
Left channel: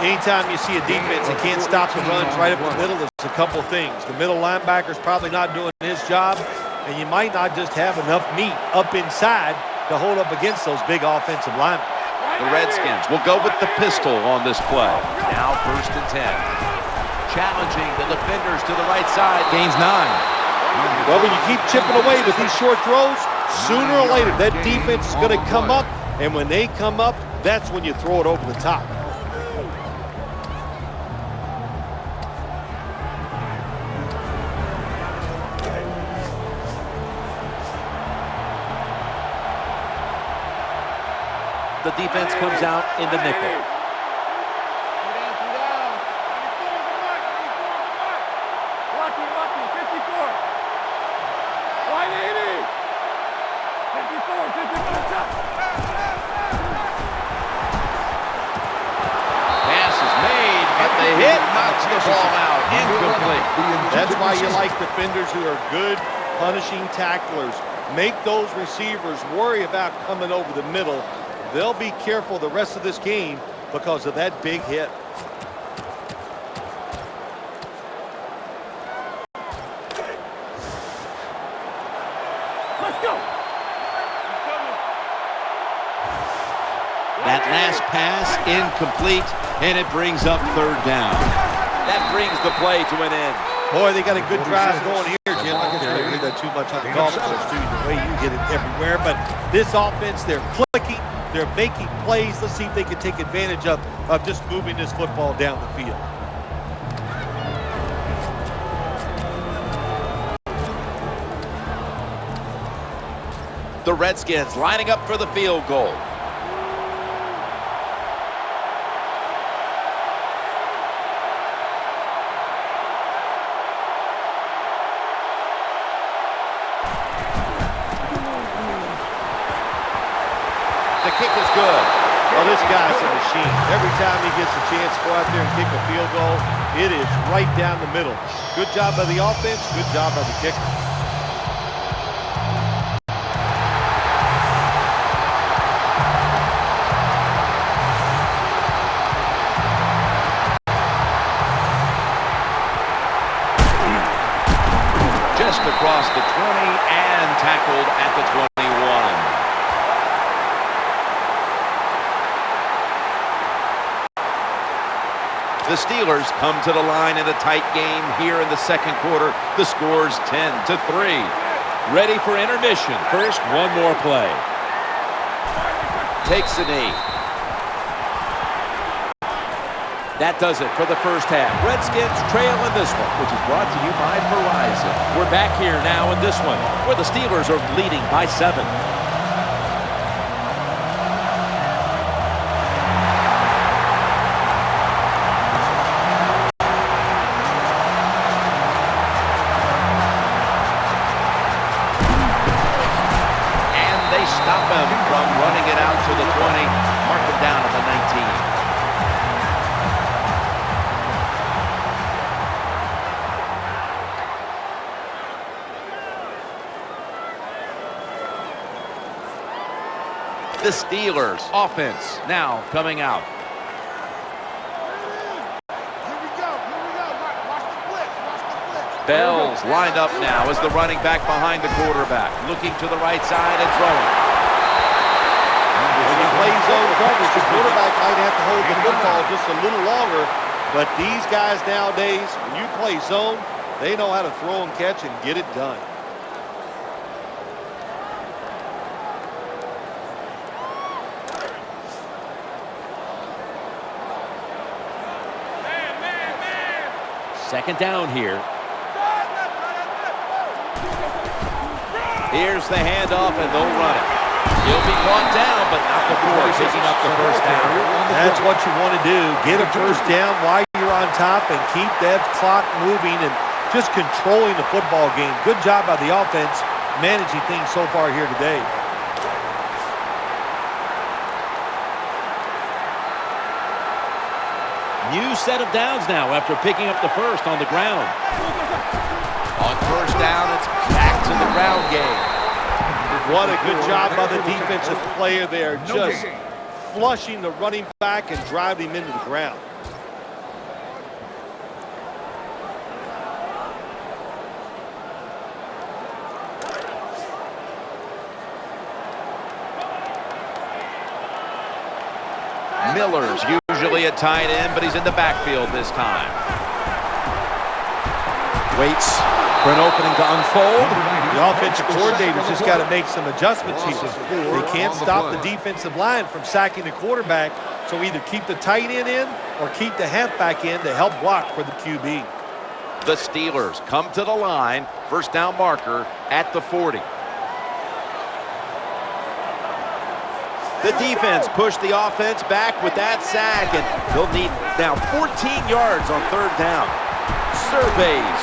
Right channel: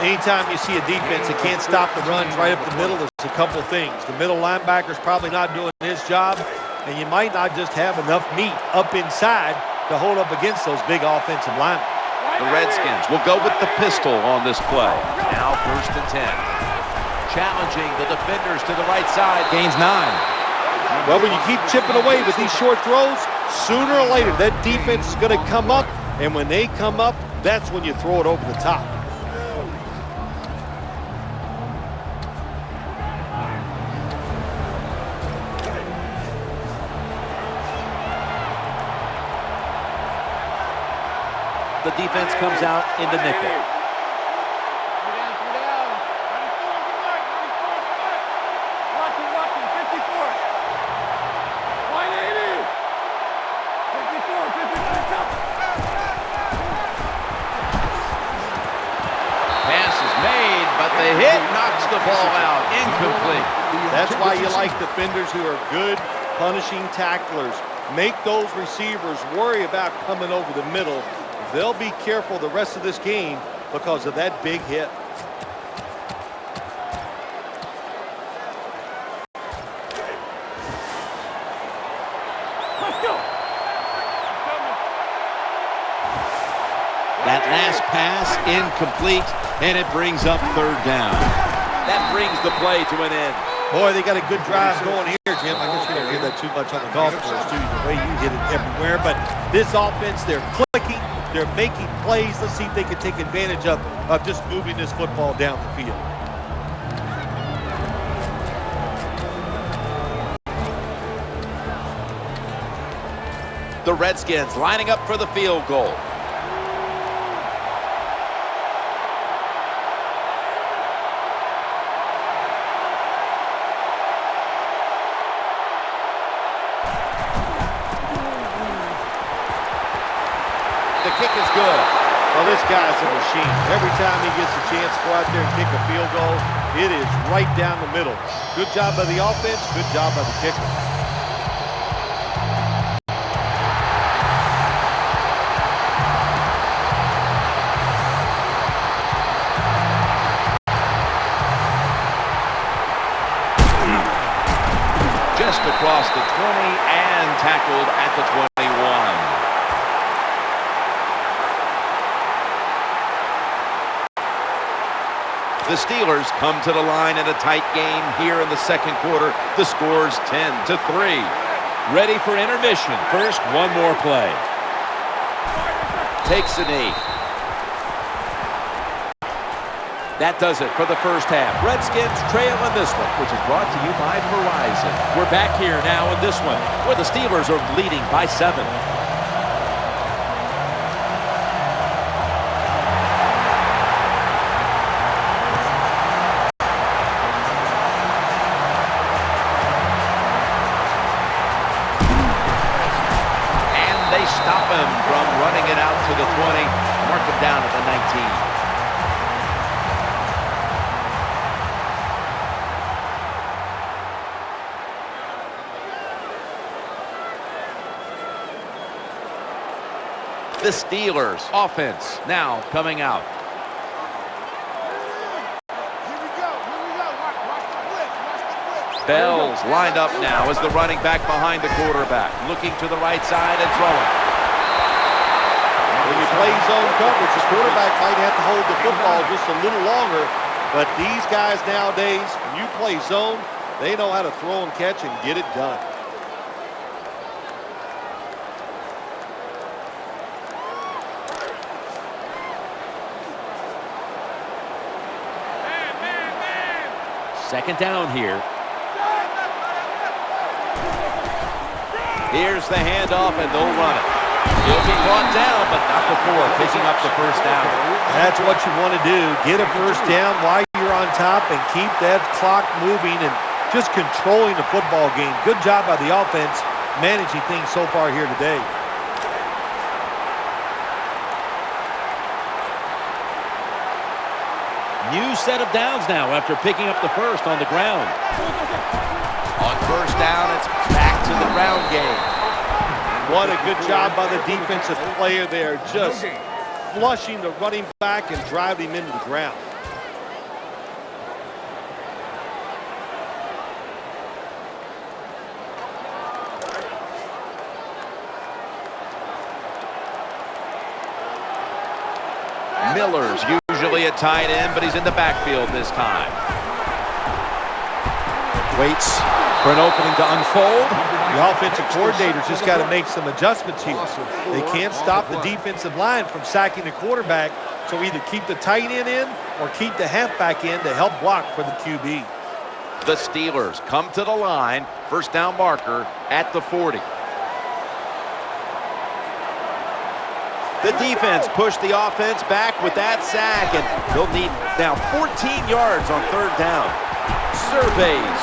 Anytime you see a defense that can't stop the runs right up the middle, there's a couple things. The middle linebacker's probably not doing his job, and you might not just have enough meat up inside to hold up against those big offensive linemen. The Redskins will go with the pistol on this play. Now 1st and 10. Challenging the defenders to the right side. Gains 9. Well, when you keep chipping away with these short throws, sooner or later that defense is going to come up, and when they come up, that's when you throw it over the top. The defense comes out in the nickel. Lucky, 54. 180. 54, 54. Pass is made, but the hit knocks the ball out. Incomplete. That's why you like defenders who are good punishing tacklers. Make those receivers worry about coming over the middle. They'll be careful the rest of this game because of that big hit. Let's go. That last pass incomplete, and it brings up 3rd down. That brings the play to an end. Boy, they got a good drive going here, Jim. I guess you don't hear that too much on the golf course, too. The way you hit it everywhere. But this offense, they're clicking. They're making plays. Let's see if they can take advantage of just moving this football down the field. The Redskins lining up for the field goal. The kick is good. Well, this guy's a machine. Every time he gets a chance to go out there and kick a field goal, it is right down the middle. Good job by the offense, good job by the kicker. Just across the 20 and tackled at the 21. The Steelers come to the line in a tight game here in the second quarter. The score's 10-3. Ready for intermission. First, one more play. Takes a knee. That does it for the first half. Redskins trail in this one, which is brought to you by Verizon. We're back here now in this one, where the Steelers are leading by 7. They stop him from running it out to the 20, mark him down at the 19. The Steelers offense now coming out. Here we go. Watch the blitz. Bell's lined up now as the running back behind the quarterback, looking to the right side and throwing. When you play zone coverage, the quarterback might have to hold the football just a little longer, but these guys nowadays, when you play zone, they know how to throw and catch and get it done. Man. Second down here. Here's the handoff, and they'll run it. He'll be brought down, but not before picking up the first down. That's what you want to do. Get a first down while you're on top and keep that clock moving and just controlling the football game. Good job by the offense managing things so far here today. New set of downs now after picking up the first on the ground. On first down, it's back to the ground game. What a good job by the defensive player there, just flushing the running back and driving him into the ground. Miller's usually a tight end, but he's in the backfield this time. Waits for an opening to unfold. The offensive coordinator's just got to make some adjustments here. They can't stop the defensive line from sacking the quarterback, so either keep the tight end in or keep the halfback in to help block for the QB. The Steelers come to the line, first down marker at the 40. The defense pushed the offense back with that sack, and they'll need now 14 yards on third down. Surveys,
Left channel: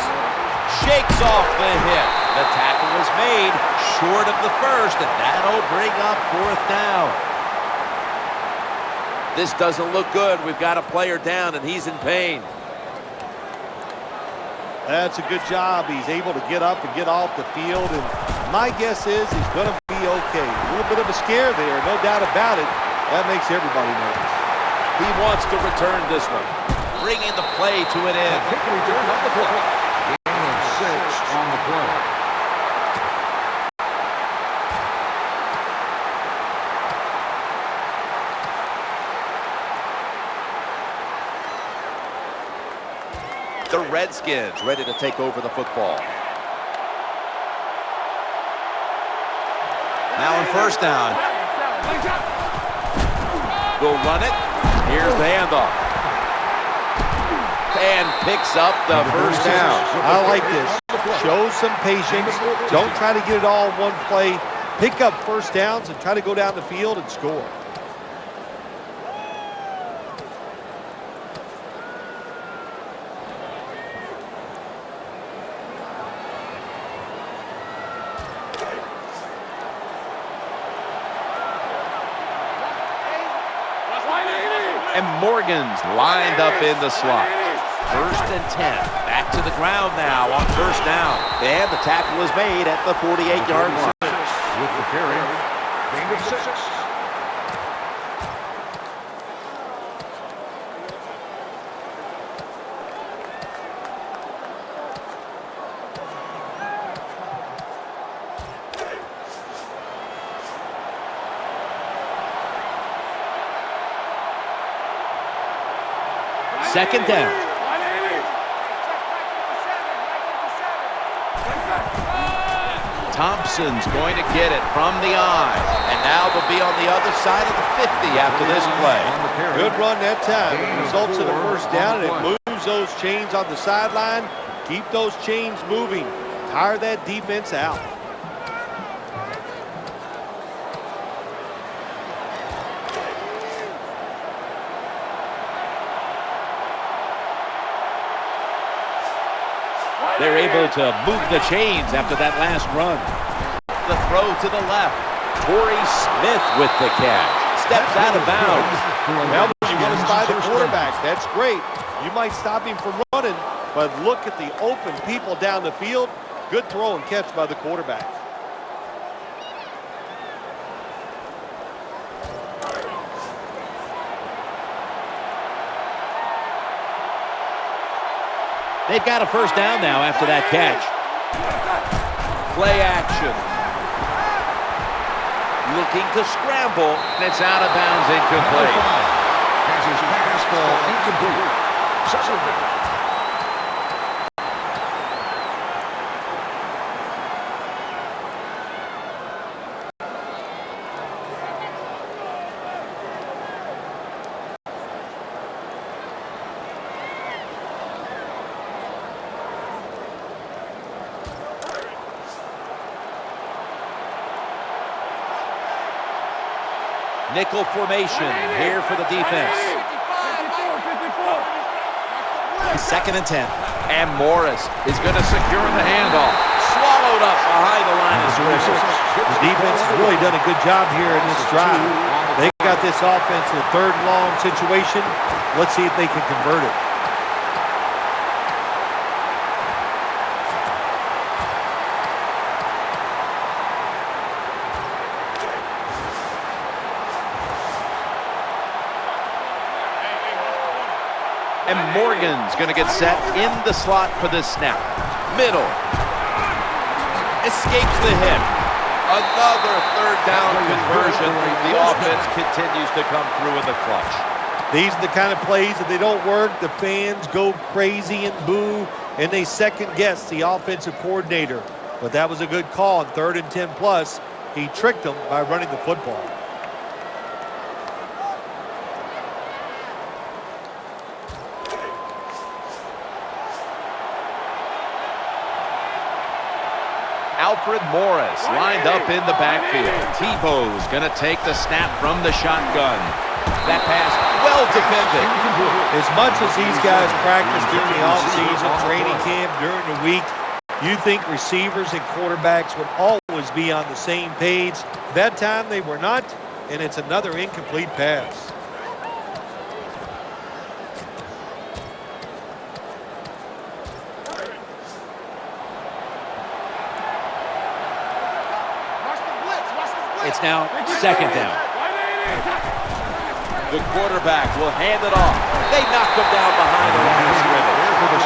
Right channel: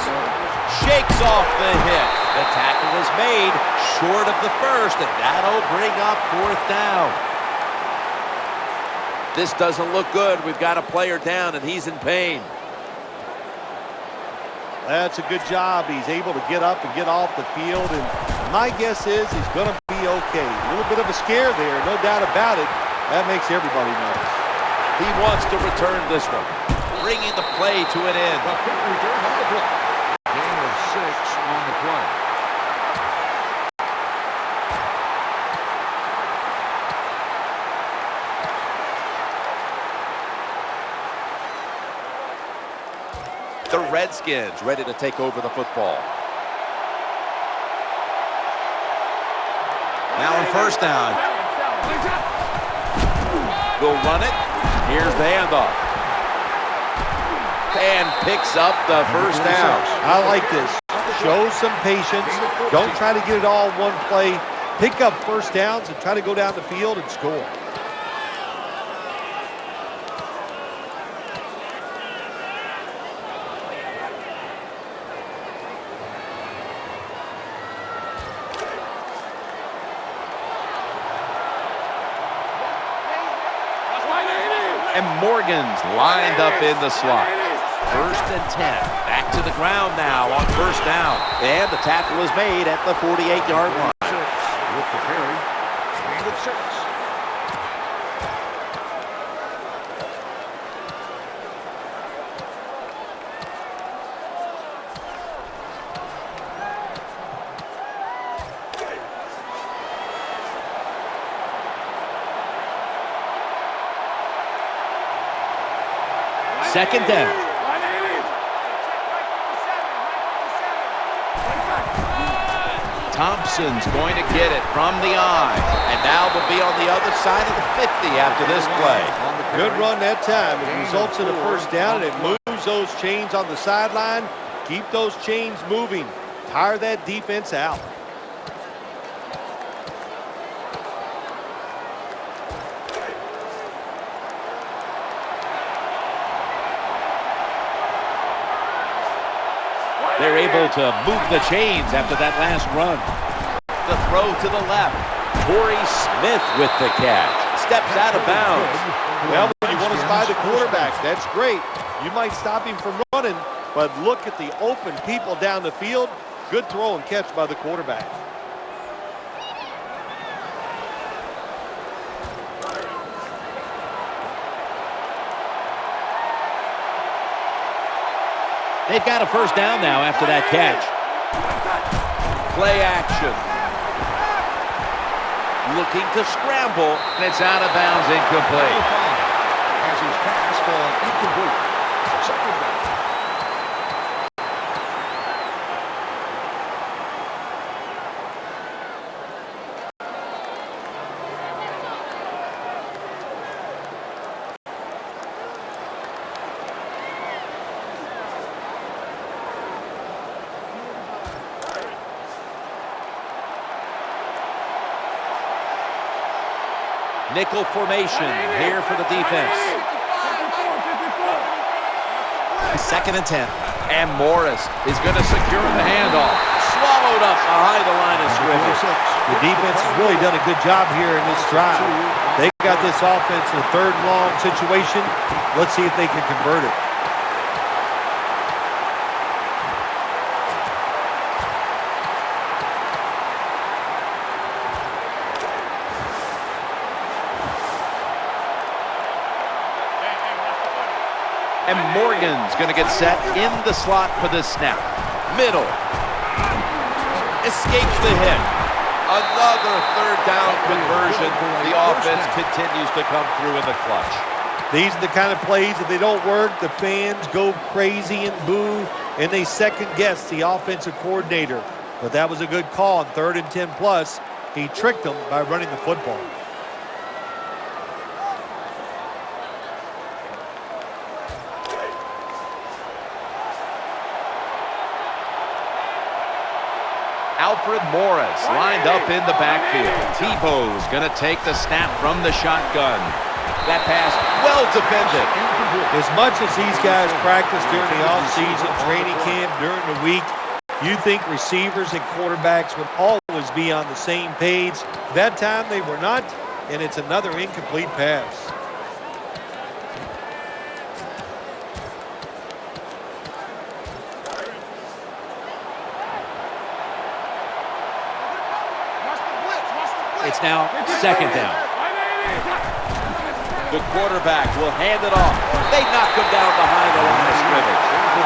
shakes off the hit. The tackle is made short of the first, and that'll bring up fourth down. This doesn't look good. We've got a player down, and he's in pain. That's a good job. He's able to get up and get off the field, and my guess is he's going to be okay. A little bit of a scare there, no doubt about it. That makes everybody nervous. He wants to return this one, bringing the play to an end. Quick return on the play. Gain of 6 on the play. The Redskins ready to take over the football. Now on first down. They'll run it. Here's the handoff. And picks up the first down. I like this. Show some patience. Don't try to get it all in one play. Pick up first downs and try to go down the field and score. And Morgan's lined up in the slot. 1st and 10. Back to the ground now on 1st down. And the tackle is made at the 48-yard line. With the carry, gain of 6. Second down. Hey, check Mike 57, Mike 57. Thompson's going to get it from the eye. And now they'll be on the other side of the 50 after this play. Good run that time. It results in a 1st down, and it moves those chains on the sideline. Keep those chains moving. Tire that defense out. They're able to move the chains after that last run. The throw to the left. Torrey Smith with the catch. Steps out of bounds. Well, when you want to spy the quarterback, that's great. You might stop him from running, but look at the open people down the field. Good throw and catch by the quarterback. They've got a 1st down now after that catch. Play action. Looking to scramble, and it's out of bounds, incomplete. As his pass ball incomplete. 2nd down. Nickel formation here for the defense. 2nd and 10. And Morris is going to secure the handoff. Swallowed up behind the line of scrimmage. The defense has really done a good job here in this drive. They got this offense in a 3rd and long situation. Let's see if they can convert it. And Morgan's going to get set in the slot for this snap. Middle. Escapes the hit. Another 3rd down conversion. The offense continues to come through in the clutch. These are the kind of plays that they don't work. The fans go crazy and boo, and they second-guess the offensive coordinator. But that was a good call on 3rd and 10 plus. He tricked them by running the football. Alfred Morris lined up in the backfield. Tebow's going to take the snap from the shotgun. That pass well defended. As much as these guys practice during the offseason, training camp, during the week, you think receivers and quarterbacks would always be on the same page. That time they were not, and it's another incomplete pass. It's now 2nd down. The quarterback will hand it off. They knock him down behind the line of scrimmage.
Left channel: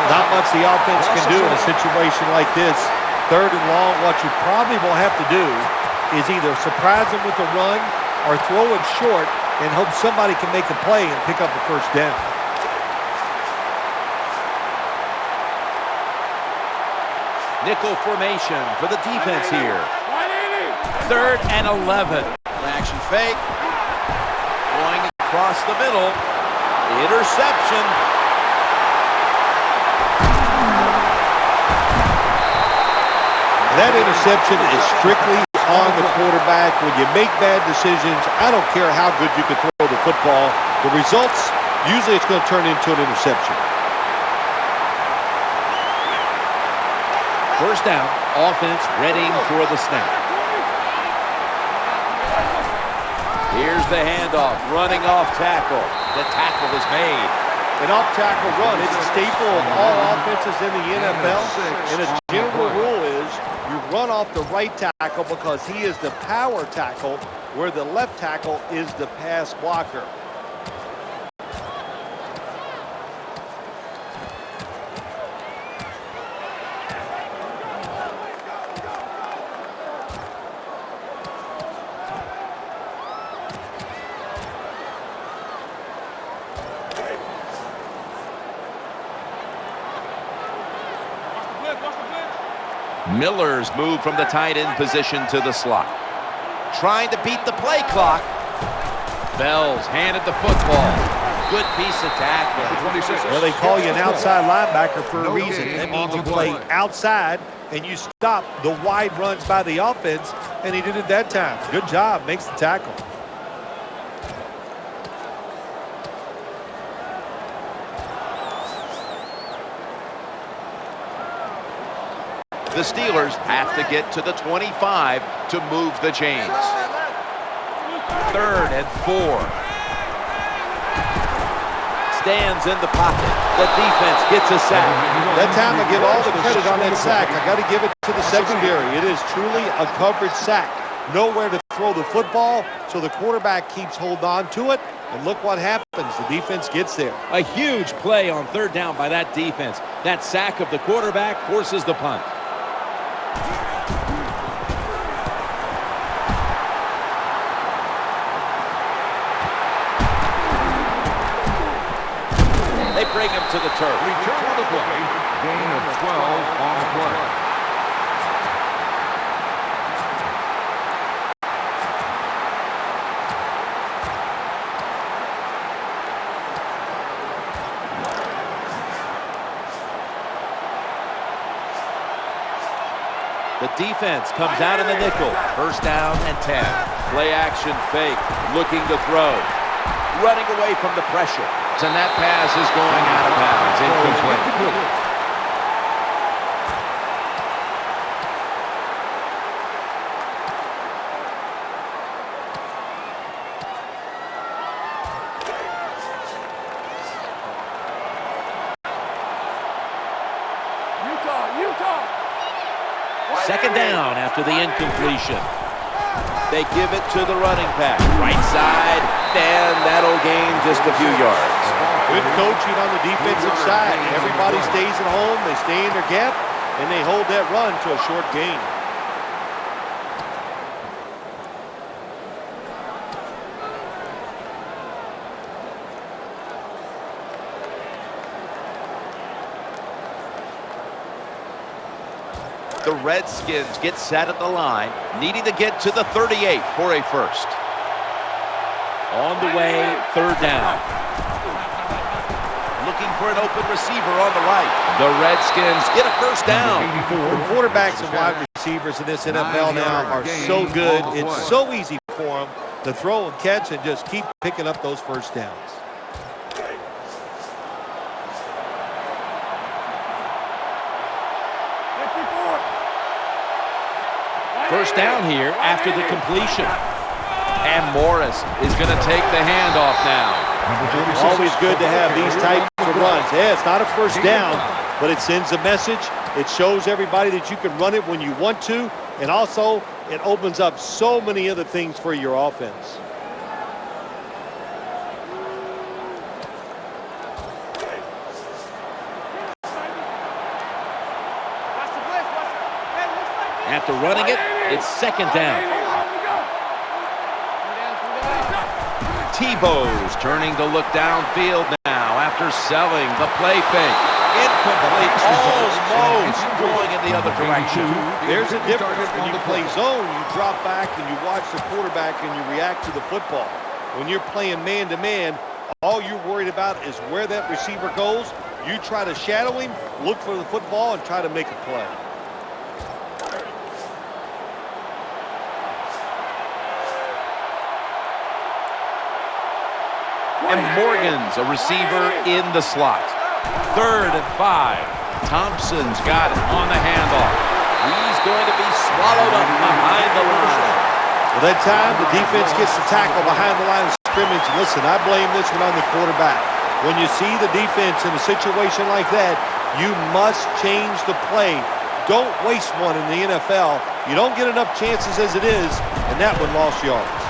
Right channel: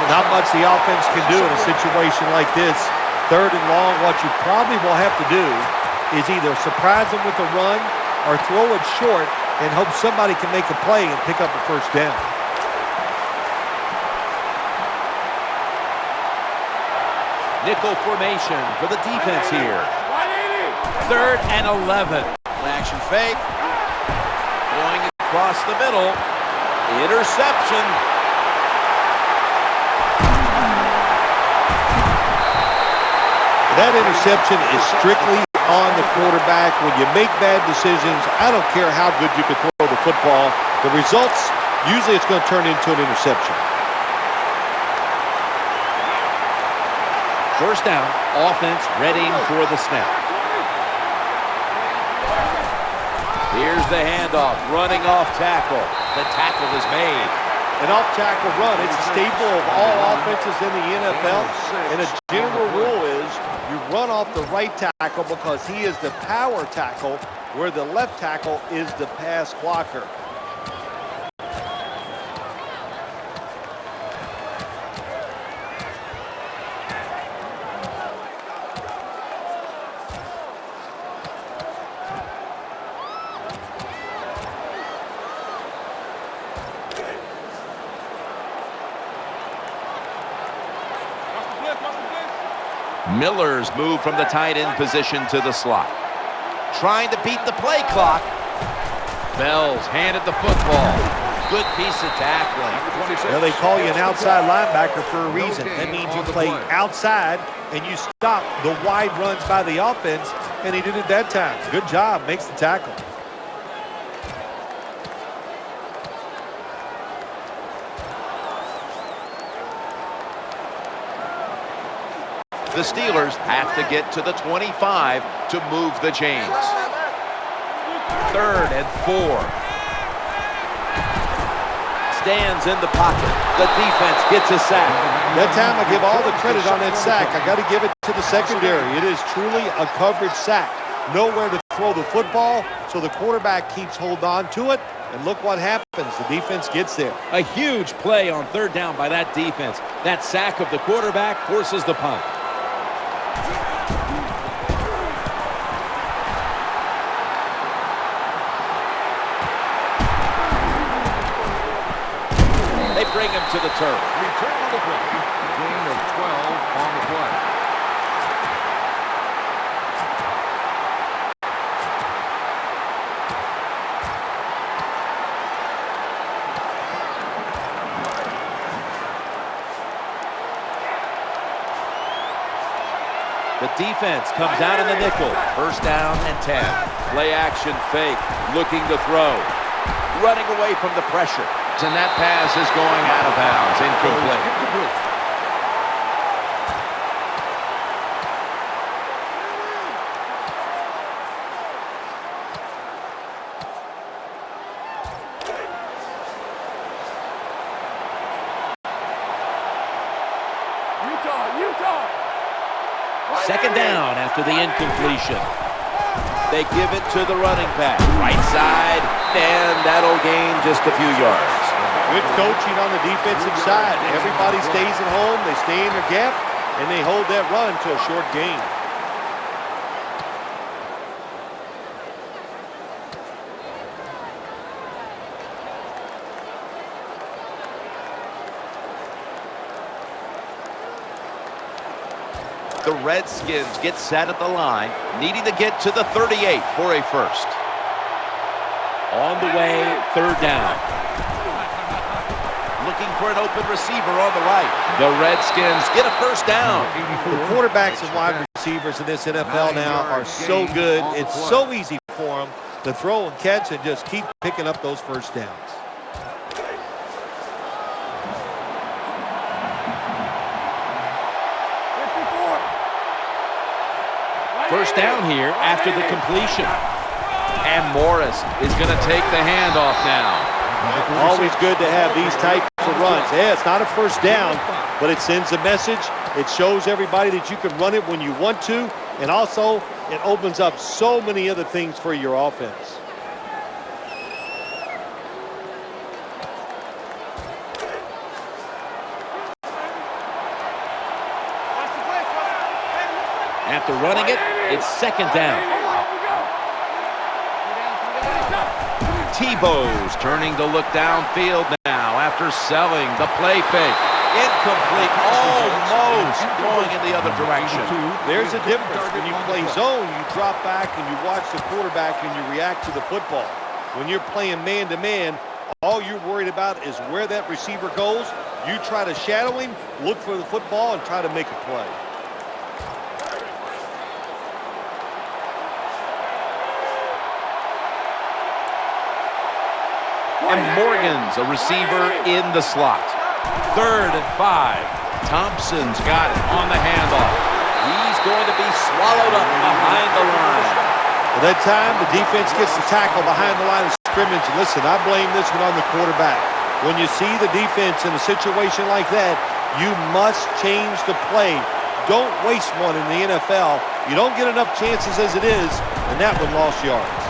Not much the offense can do in a situation like this. 3rd and long, what you probably will have to do is either surprise them with a run or throw it short and hope somebody can make a play and pick up a 1st down. Nickel formation for the defense here. 3rd and 11. Action fake. Going across the middle. Interception. That interception is strictly on the quarterback. When you make bad decisions, I don't care how good you can throw the football. The results, usually it's going to turn into an interception. 1st down. Offense readying for the snap. Here's the handoff, running off tackle. The tackle is made. An off-tackle run, it's a staple of all offenses in the NFL. And a general rule is you run off the right tackle because he is the power tackle, where the left tackle is the pass blocker. Miller's moved from the tight end position to the slot. Trying to beat the play clock. Bell's handed the football. Good piece of tackling. Well, they call you an outside linebacker for a reason. That means you play outside and you stop the wide runs by the offense, and he did it that time. Good job, makes the tackle. The Steelers have to get to the 25 to move the chains. 3rd and 4. Stands in the pocket. The defense gets a sack. That time I give all the credit on that sack. I got to give it to the secondary. It is truly a coverage sack. Nowhere to throw the football, so the quarterback keeps hold on to it. And look what happens. The defense gets there. A huge play on 3rd down by that defense. That sack of the quarterback forces the punt. They bring him to the turf. Return on the play. Gain of 12 on the play. The defense comes out in the nickel. 1st down and 10. Play action fake. Looking to throw. Running away from the pressure. And that pass is going out of bounds. Incomplete. Utah. 2nd down after the incompletion. They give it to the running back. Right side, and that'll gain just a few yards. Good coaching on the defensive side. Everybody stays at home. They stay in their gap, and they hold that run to a short gain. The Redskins get set at the line, needing to get to the 38 for a first. On the way, 3rd down. Looking for an open receiver on the right. The Redskins get a 1st down. The quarterbacks and wide receivers in this NFL now are so good. It's so easy for them to throw and catch and just keep picking up those 1st downs. First down here after the completion. And Morris is going to take the handoff now. Always good to have these types of runs. Yeah, it's not a 1st down, but it sends a message. It shows everybody that you can run it when you want to, and also it opens up so many other things for your offense. After running it, it's 2nd down. Tebow's turning to look downfield now after selling the play fake. Incomplete, almost going in the other direction. There's a difference. When you play zone, you drop back and you watch the quarterback and you react to the football. When you're playing man-to-man, all you're worried about is where that receiver goes. You try to shadow him, look for the football, and try to make a play. And Morgan's a receiver in the slot. 3rd and 5. Thompson's got it on the handoff. He's going to be swallowed up behind the line. Well, that time, the defense gets the tackle behind the line of scrimmage. And listen, I blame this one on the quarterback. When you see the defense in a situation like that, you must change the play. Don't waste one in the NFL. You don't get enough chances as it is, and that one lost yards.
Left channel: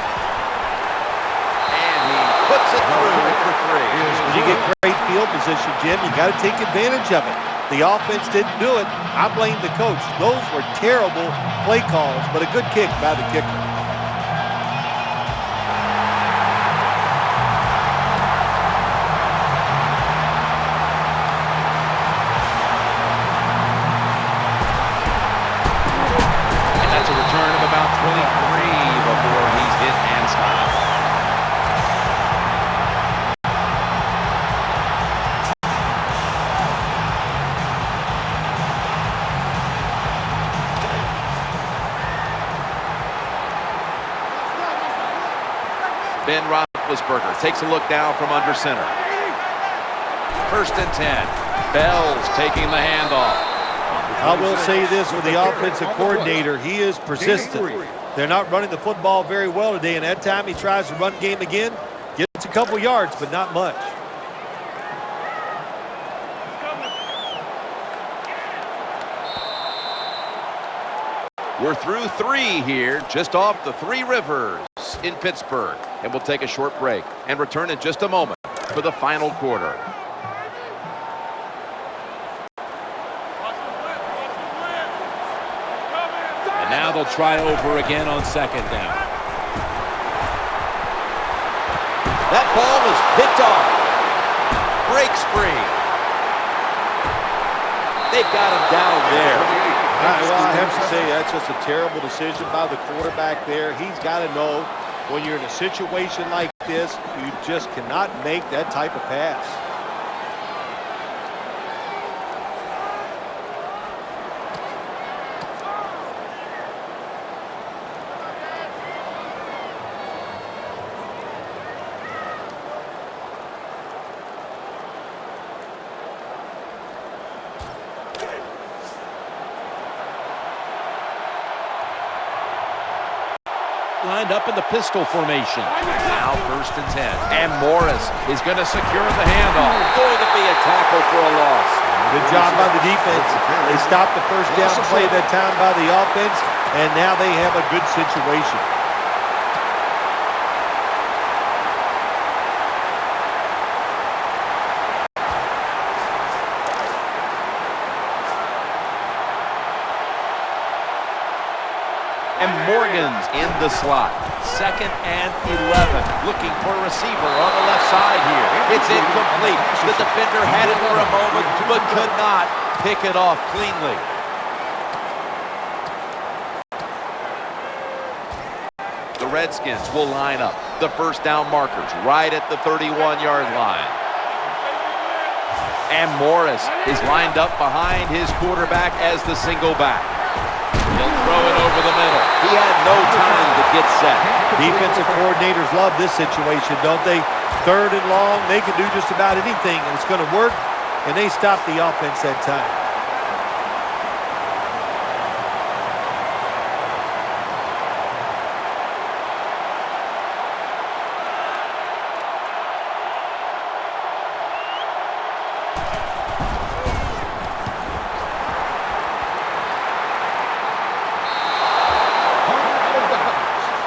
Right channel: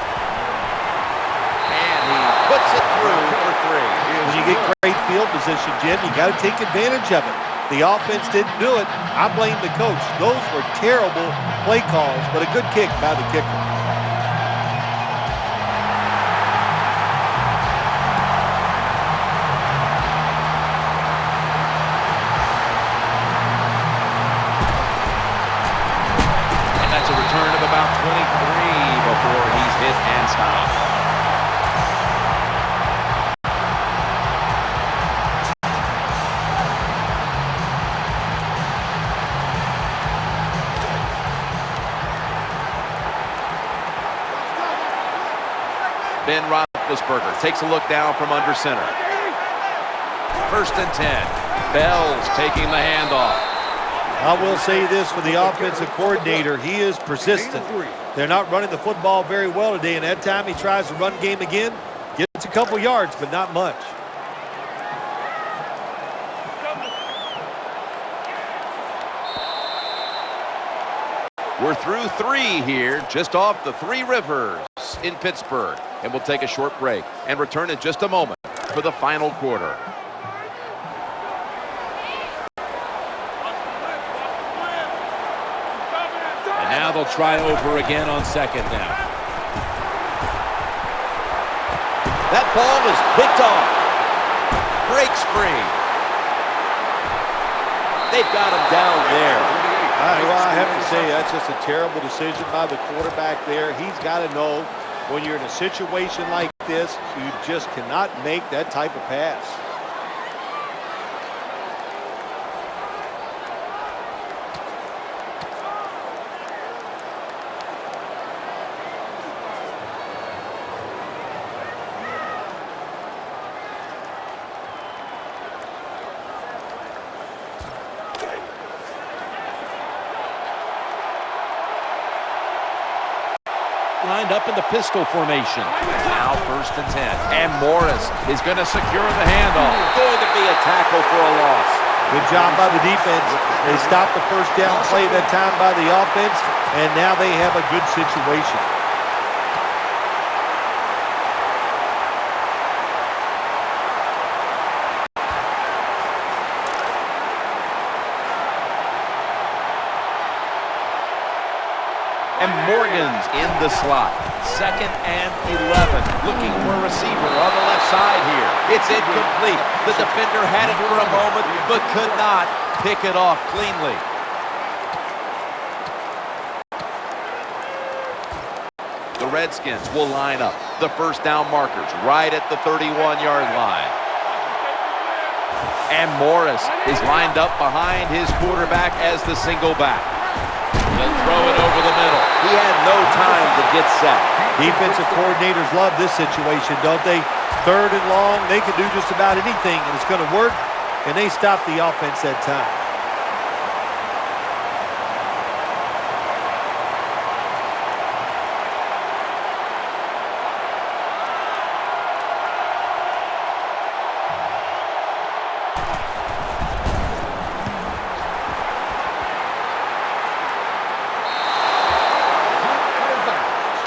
And he puts it through for 3. When you get great field position, Jim, you got to take advantage of it. The offense didn't do it. I blame the coach. Those were terrible play calls, but a good kick by the kicker. That's a return of about 23 before he's hit and stopped. Ben Roethlisberger takes a look down from under center. 1st and 10. Bell's taking the handoff. I will say this for the offensive coordinator. He is persistent. They're not running the football very well today, and that time he tries to run game again. Gets a couple yards, but not much. We're through 3 here, just off the Three Rivers in Pittsburgh. And we'll take a short break and return in just a moment for the final quarter. And now they'll try over again on 2nd down. That ball is picked off. Breaks free. They've got him down there. Well, I have to say that's just a terrible decision by the quarterback there. He's got to know when you're in a situation like this, you just cannot make that type of pass. Lined up in the pistol formation. Now 1st and 10. And Morris is going to secure the handoff. Going to be a tackle for a loss. Good job by the defense. They stopped the 1st down play that time by the offense, and now they have a good situation. And Morgan's in the slot. 2nd and 11. Looking for a receiver on the left side here. It's incomplete. The defender had it for a moment, but could not pick it off cleanly. The Redskins will line up. The 1st down markers right at the 31-yard line. And Morris is lined up behind his quarterback as the single back. He'll throw it over the middle. He had no time to get set. Defensive coordinators love this situation, don't they? 3rd and long, they can do just about anything, and it's going to work, and they stop the offense that time.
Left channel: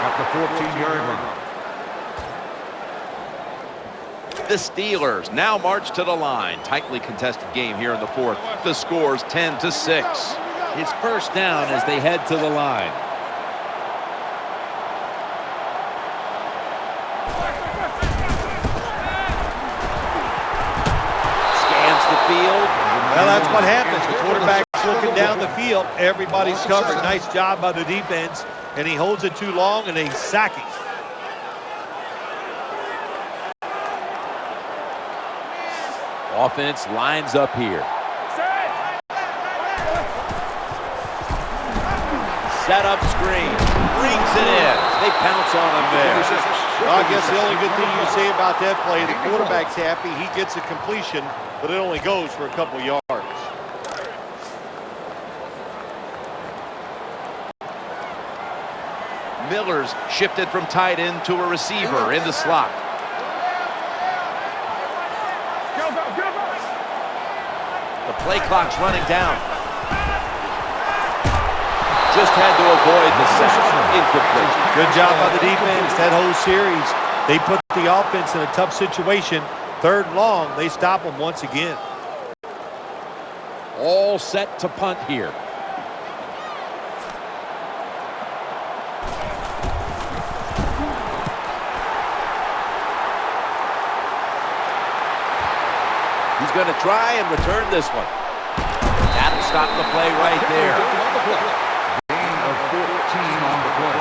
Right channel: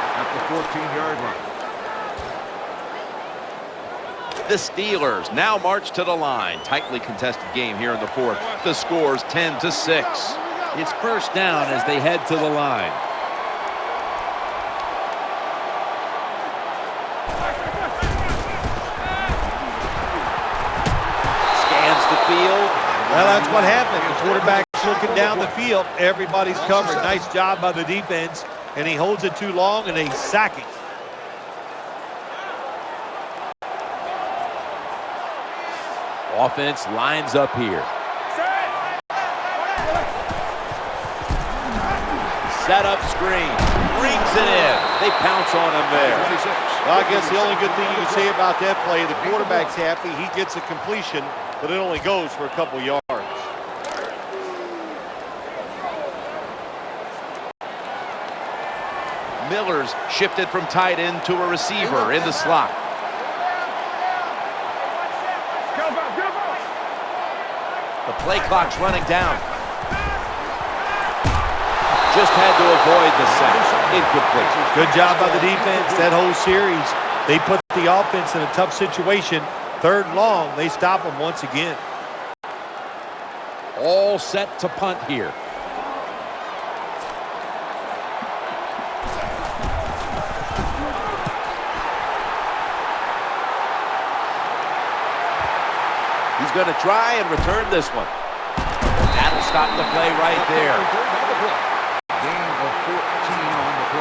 At the 14-yard line. The Steelers now march to the line. Tightly contested game here in the 4th. The score's 10-6. It's 1st down as they head to the line. Scans the field. Well, that's what happens. The quarterback's looking down the field. Everybody's covered. Nice job by the defense. And he holds it too long, and they sack him. Offense lines up here. Set up screen. Brings it in. They pounce on him there. Well, I guess the only good thing you can say about that play, the quarterback's happy. He gets a completion, but it only goes for a couple yards. Miller's shifted from tight end to a receiver in the slot. The play clock's running down. Just had to avoid the sack. Incomplete. Good job by the defense that whole series. They put the offense in a tough situation. 3rd and long, they stop them once again. All set to punt here. He's going to try and return this one. That'll stop the play right there. Gain of 14 on the play.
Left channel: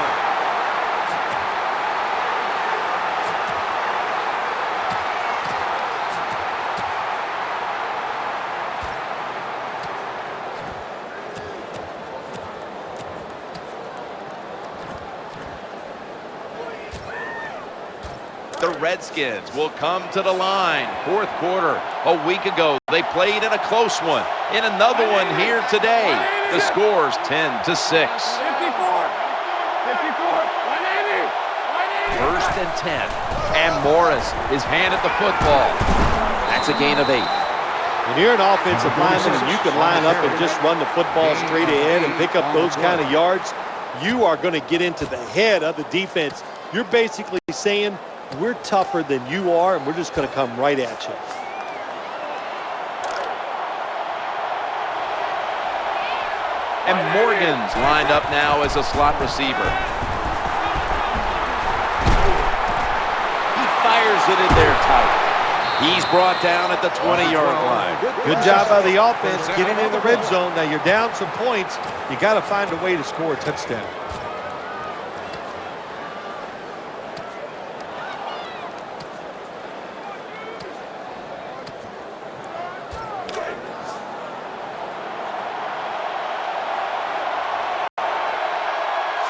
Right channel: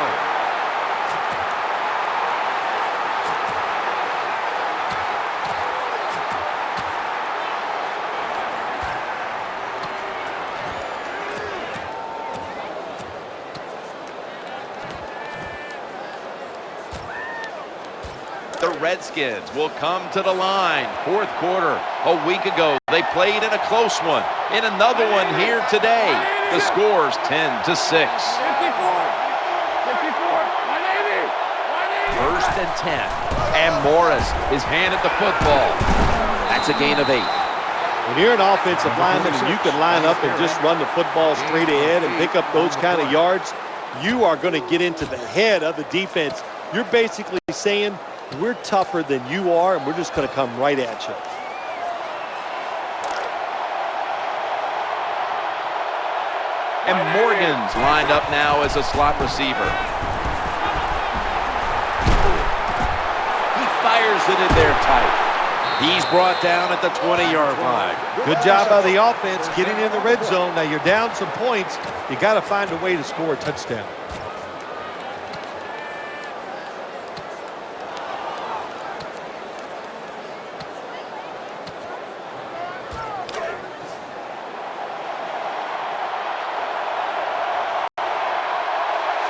The Redskins will come to the line. 4th quarter. A week ago, they played in a close one. In another one here today. The score's 10-6. 54, 180, 1st and 10. And Morris is handed the football. That's a gain of 8. When you're an offensive lineman and you can line up and just run the football straight ahead and pick up those kind of yards, you are going to get into the head of the defense. You're basically saying, we're tougher than you are, and we're just going to come right at you. And Morgan's lined up now as a slot receiver. He fires it in there tight. He's brought down at the 20-yard line. Good job by the offense getting in the red zone. Now you're down some points. You got to find a way to score a touchdown.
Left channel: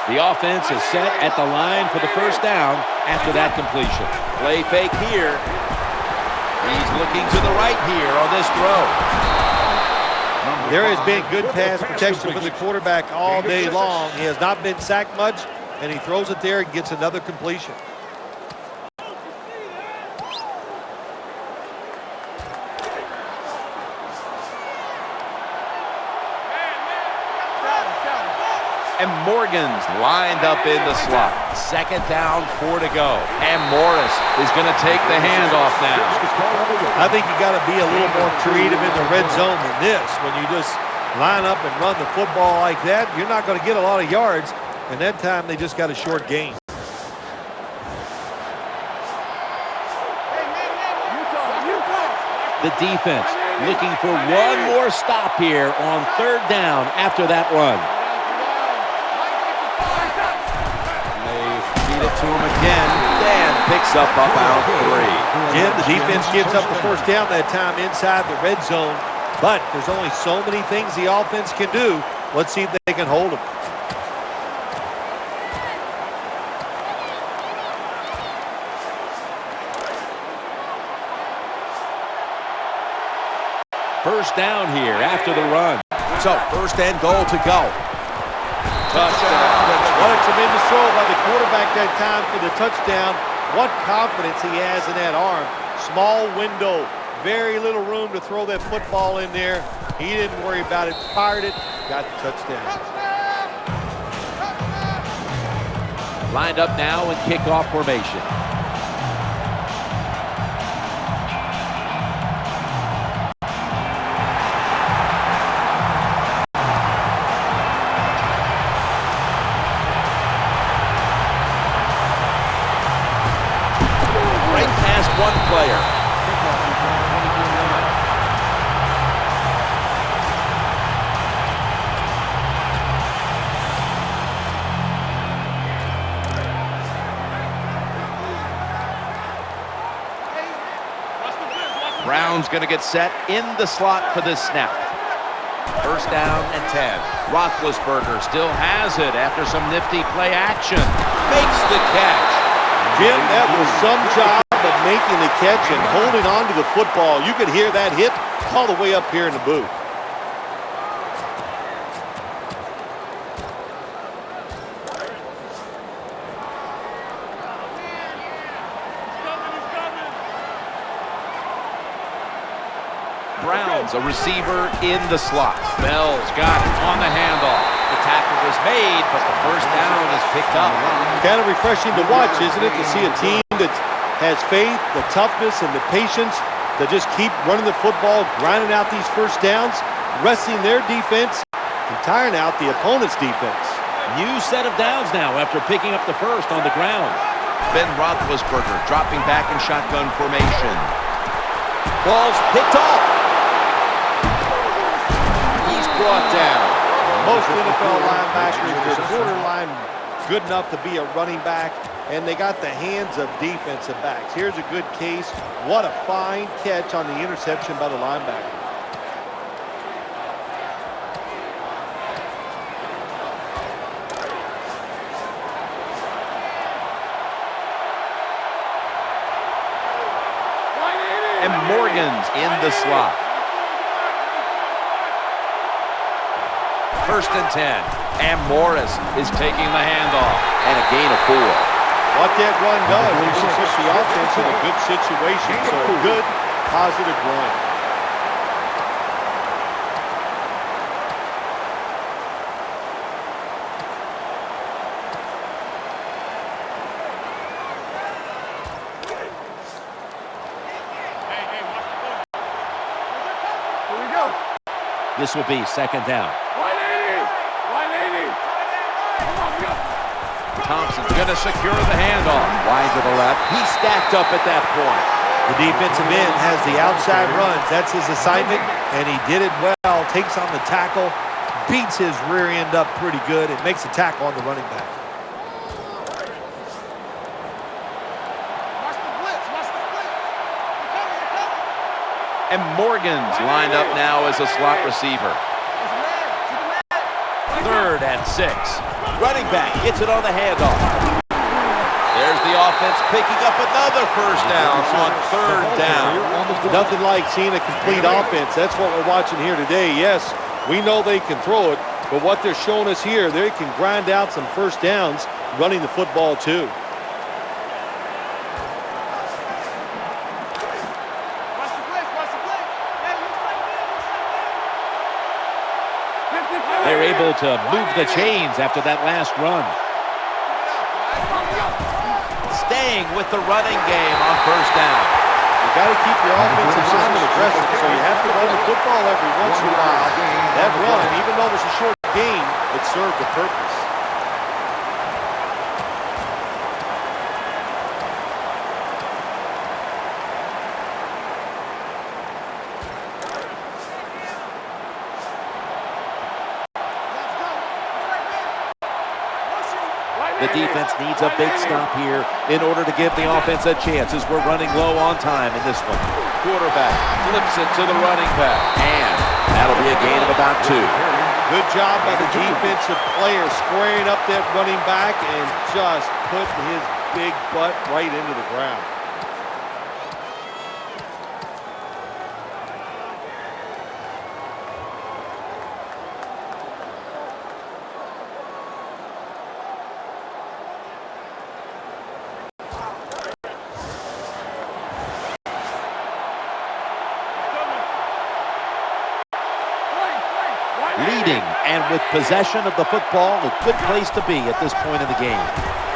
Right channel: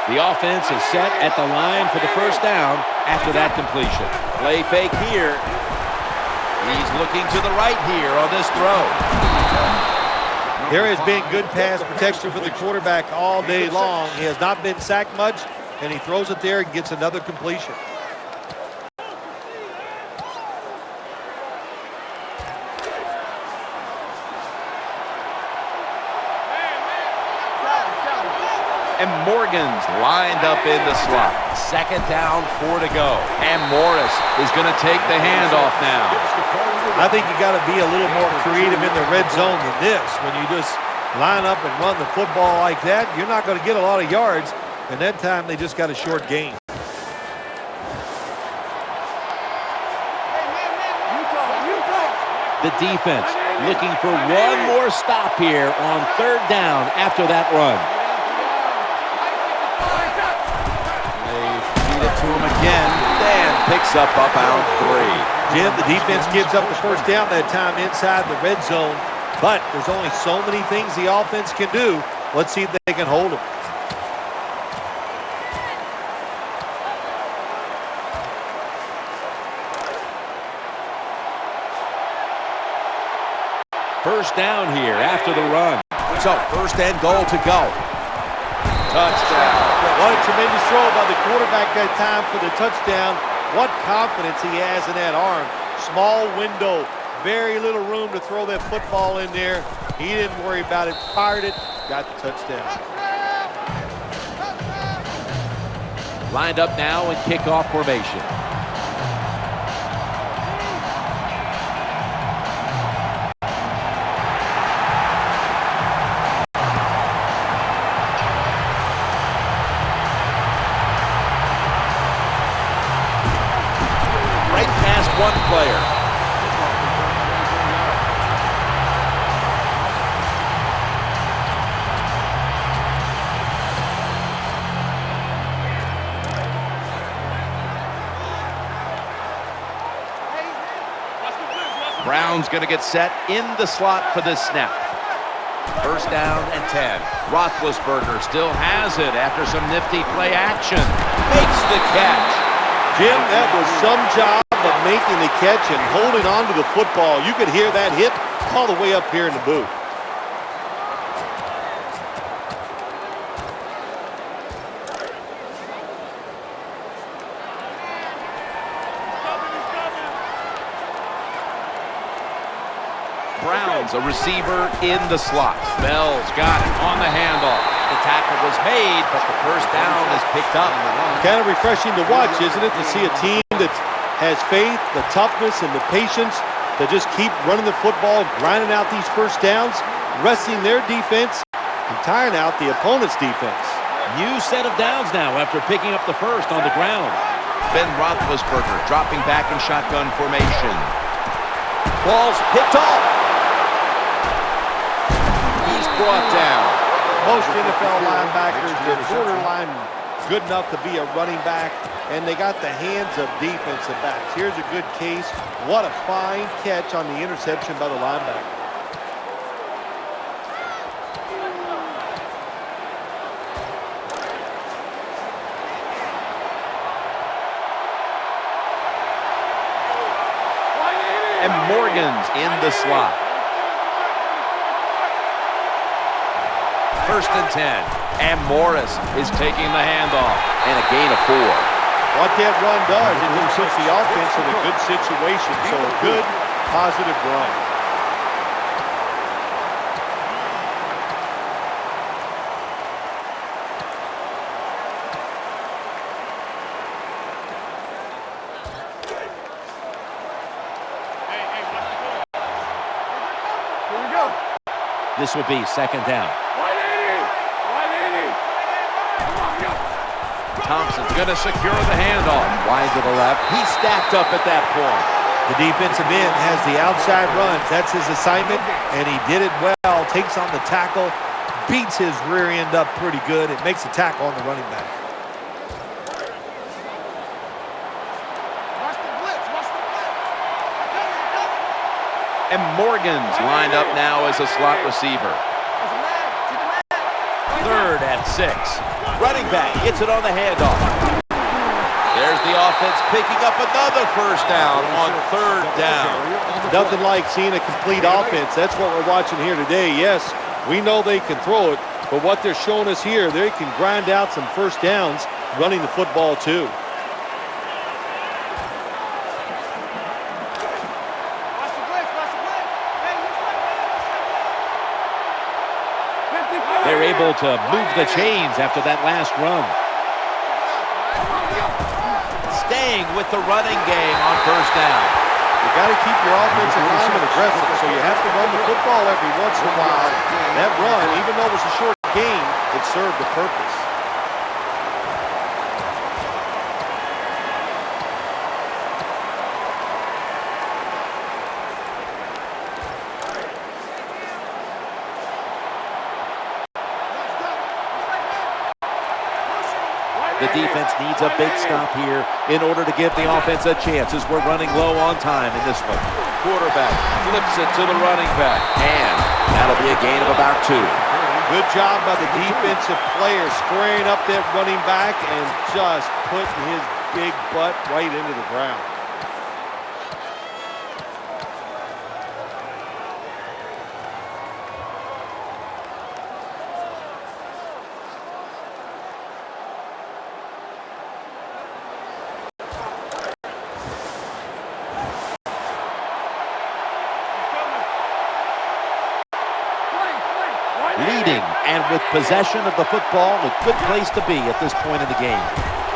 The offense is set at the line for the 1st down after that completion. Play fake here. He's looking to the right here on this throw. There has been good pass protection for the quarterback all day long. He has not been sacked much, and he throws it there and gets another completion. And Morgan's lined up in the slot. 2nd down, 4 to go. And Morris is going to take the handoff now. I think you got to be a little more creative in the red zone than this. When you just line up and run the football like that, you're not going to get a lot of yards. And that time they just got a short gain. The defense looking for one more stop here on 3rd down after that run. To him again. Dan picks up about 3. Jim, the defense gives up the 1st down that time inside the red zone, but there's only so many things the offense can do. Let's see if they can hold them. First down here after the run. So 1st and goal to go. Touchdown. What a tremendous throw by the quarterback that time for the touchdown. What confidence he has in that arm. Small window, very little room to throw that football in there. He didn't worry about it, fired it, got the touchdown. Lined up now in kickoff formation. Right past one player. Brown's going to get set in the slot for this snap. 1st down and 10. Roethlisberger still has it after some nifty play action. Makes the catch. Jim, that was some job of making the catch and holding on to the football. You could hear that hit all the way up here in the booth. Brown's a receiver in the slot. Bell's got it on the handoff. The tackle was made, but the first down is picked up. Kind of refreshing to watch, isn't it, to see a team that has faith, the toughness, and the patience to just keep running the football, grinding out these first downs, resting their defense, and tiring out the opponent's defense. New set of downs now after picking up the first on the ground. Ben Roethlisberger dropping back in shotgun formation. Ball's picked off. He's brought down. Most NFL linebackers, they're borderline good enough to be a running back, and they got the hands of defensive backs. Here's a good case. What a fine catch on the interception by the linebacker. And Morgan's in the slot. First and 10. And Morris is taking the handoff. And a gain of 4. What that run does, it just puts the offense in a good situation. So a good, positive run. This will be second down. Thompson's going to secure the handoff. Wide to the left. He's stacked up at that point. The defensive end has the outside runs. That's his assignment, and he did it well. Takes on the tackle, beats his rear end up pretty good. It makes a tackle on the running back. Watch the blitz. Watch the blitz. You're coming. You're coming. And Morgan's lined up now as a slot receiver. There's a man. See the man. Third and 6. Running back gets it on the handoff. There's the offense picking up another first down on third down. Nothing like seeing a complete offense. That's what we're watching here today. Yes, we know they can throw it, but what they're showing us here, they can grind out some first downs running the football too. Watch the blitz. Watch the blitz. Hey, looks like man. Looks like man. They're able to move the chains after that last run. Staying with the running game on first down. You got to keep your offensive lineman aggressive, so you have to run the football every once in a while. That run, even though it was a short game, it served a purpose. Let's go. Looks like man. Motion. The defense needs a big stop here in order to give the offense a chance as we're running low on time in this one. Quarterback flips it to the running back, and that'll be a gain of about 2. Good job by the defensive player squaring up that running back and just putting his big butt right into the ground. Leading and with possession of the football, a good place to be at this point in the game.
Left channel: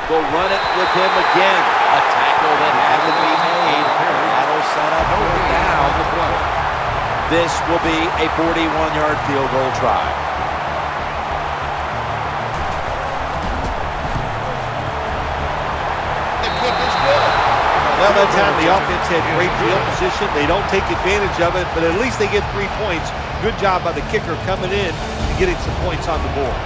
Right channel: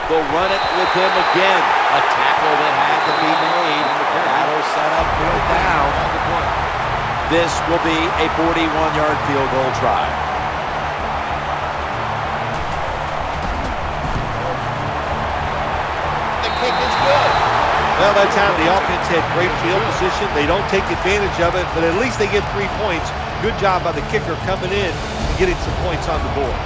They'll run it with him again. A tackle that had to be made, and that'll set up fourth down. This will be a 41-yard field goal try. The kick is good. Well, that time the offense had great field position. They don't take advantage of it, but at least they get 3 points. Good job by the kicker coming in and getting some points on the board.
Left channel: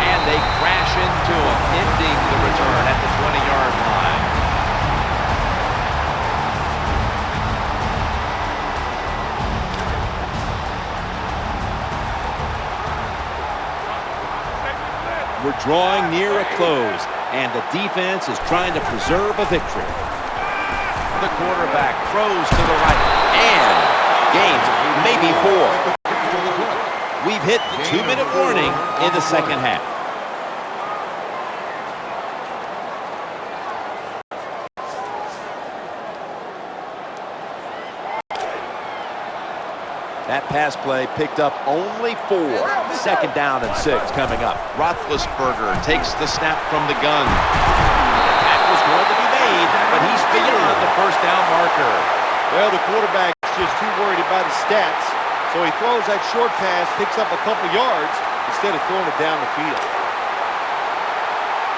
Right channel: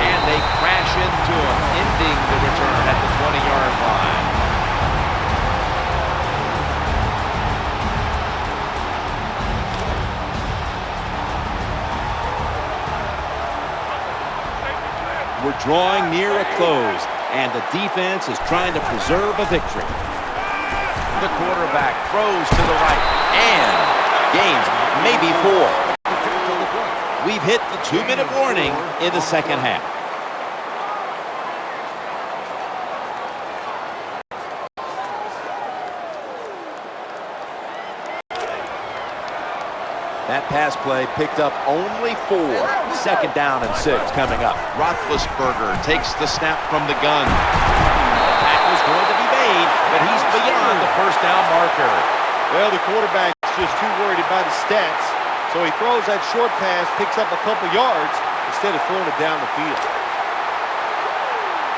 And they crash into him, ending the return at the 20-yard line. We're drawing near a close, and the defense is trying to preserve a victory. The quarterback throws to the right, And gains maybe 4. We've hit the 2-minute warning in the second half. That pass play picked up only 4. Second down and 6 coming up. Roethlisberger takes the snap from the gun. The tackle's going to be made, but he's beyond the first down marker. Well, the quarterback's just too worried about his stats, so he throws that short pass, picks up a couple yards instead of throwing it down the field.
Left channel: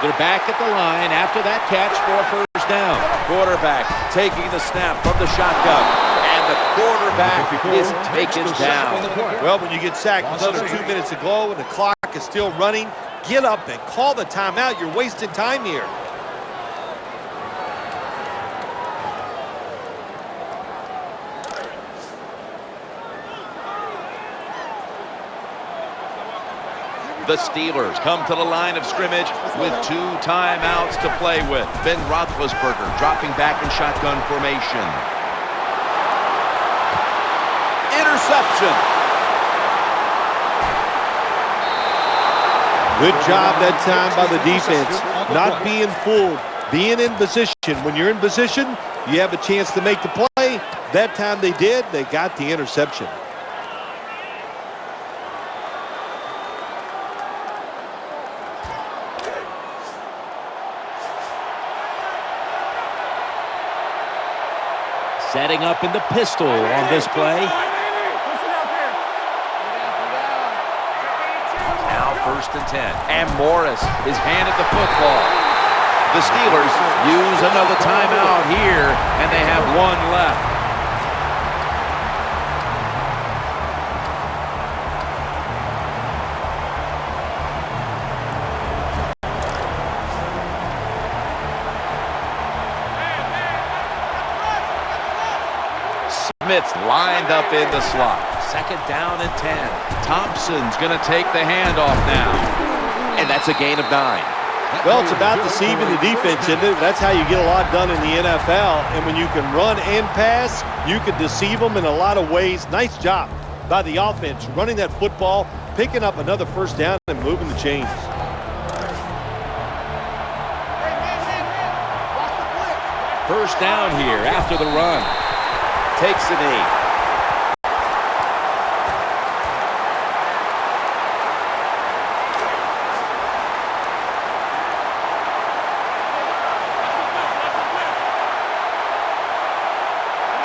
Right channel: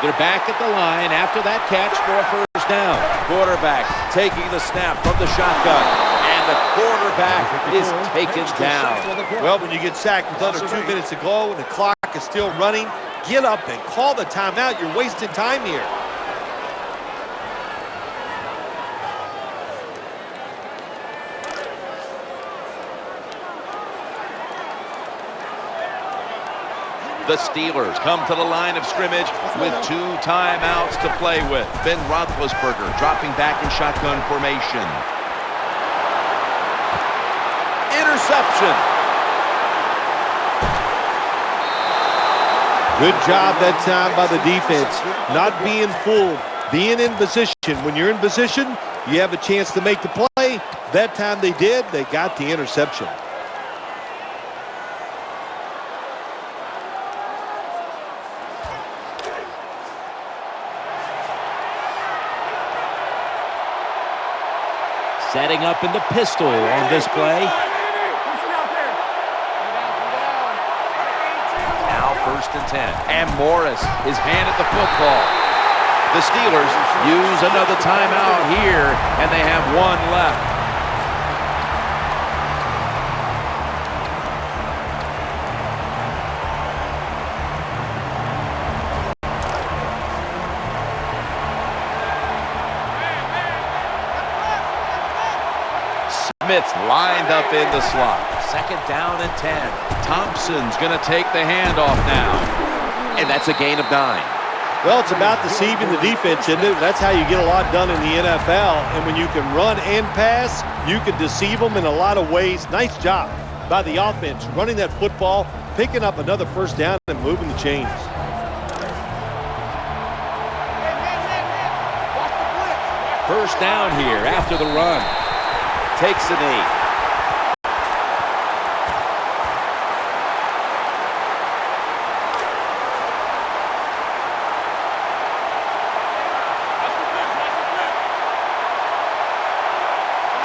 They're back at the line after that catch for a first down. Quarterback taking the snap from the shotgun, and the quarterback is taken down. Well, when you get sacked with under 2 minutes to go and the clock is still running, get up and call the timeout. You're wasting time here. The Steelers come to the line of scrimmage with 2 timeouts to play with. Ben Roethlisberger dropping back in shotgun formation. Interception. Good job that time by the defense, not being fooled, being in position. When you're in position, you have a chance to make the play. That time they did. They got the interception. Setting up in the pistol on this play. Now 1st and 10. And Morris is handed the football. The Steelers use another timeout here, and they have 1 left. Smith's lined up in the slot. 2nd down and 10. Thompson's going to take the handoff now. And that's a gain of 9. Well, it's about deceiving the defense, isn't it? That's how you get a lot done in the NFL. And when you can run and pass, you can deceive them in a lot of ways. Nice job by the offense, running that football, picking up another first down and moving the chains. Hey, man. Watch the blitz. First down here after the run. Takes a knee.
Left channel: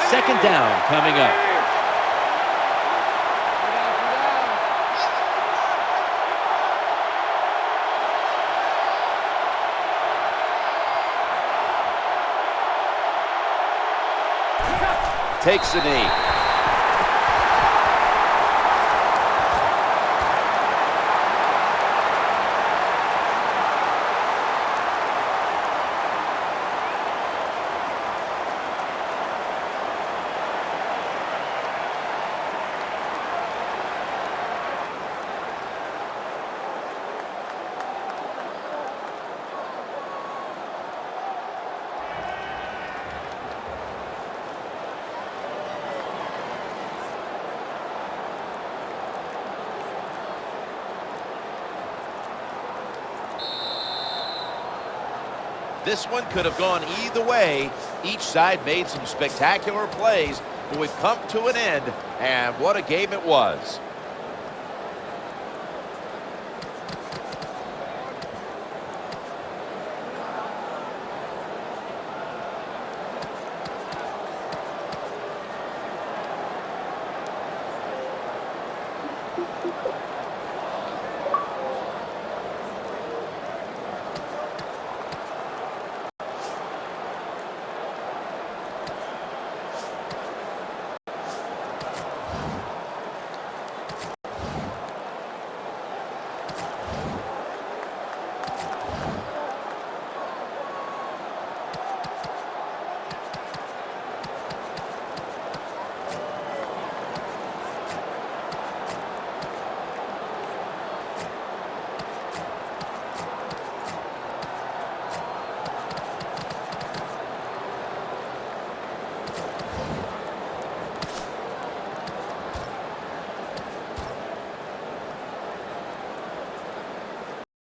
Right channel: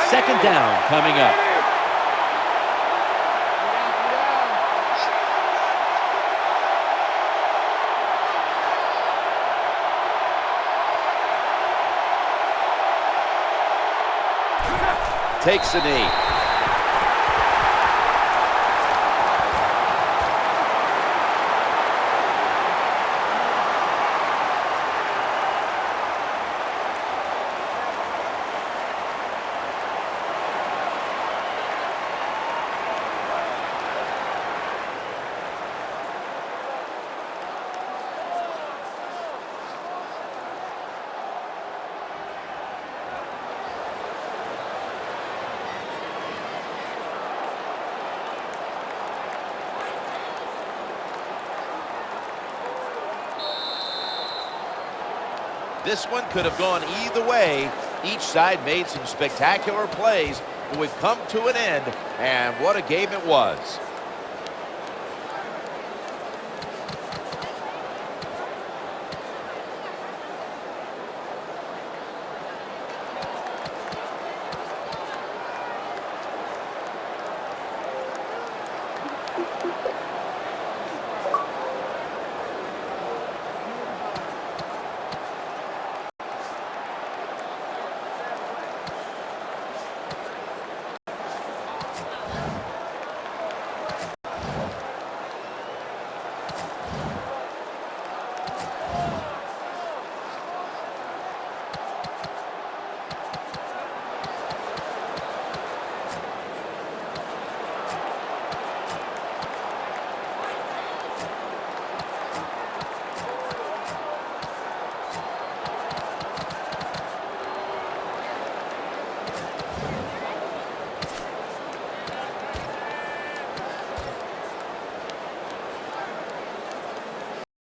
Second down coming up. Takes a knee. This one could have gone either way. Each side made some spectacular plays, but we've come to an end, and what a game it was.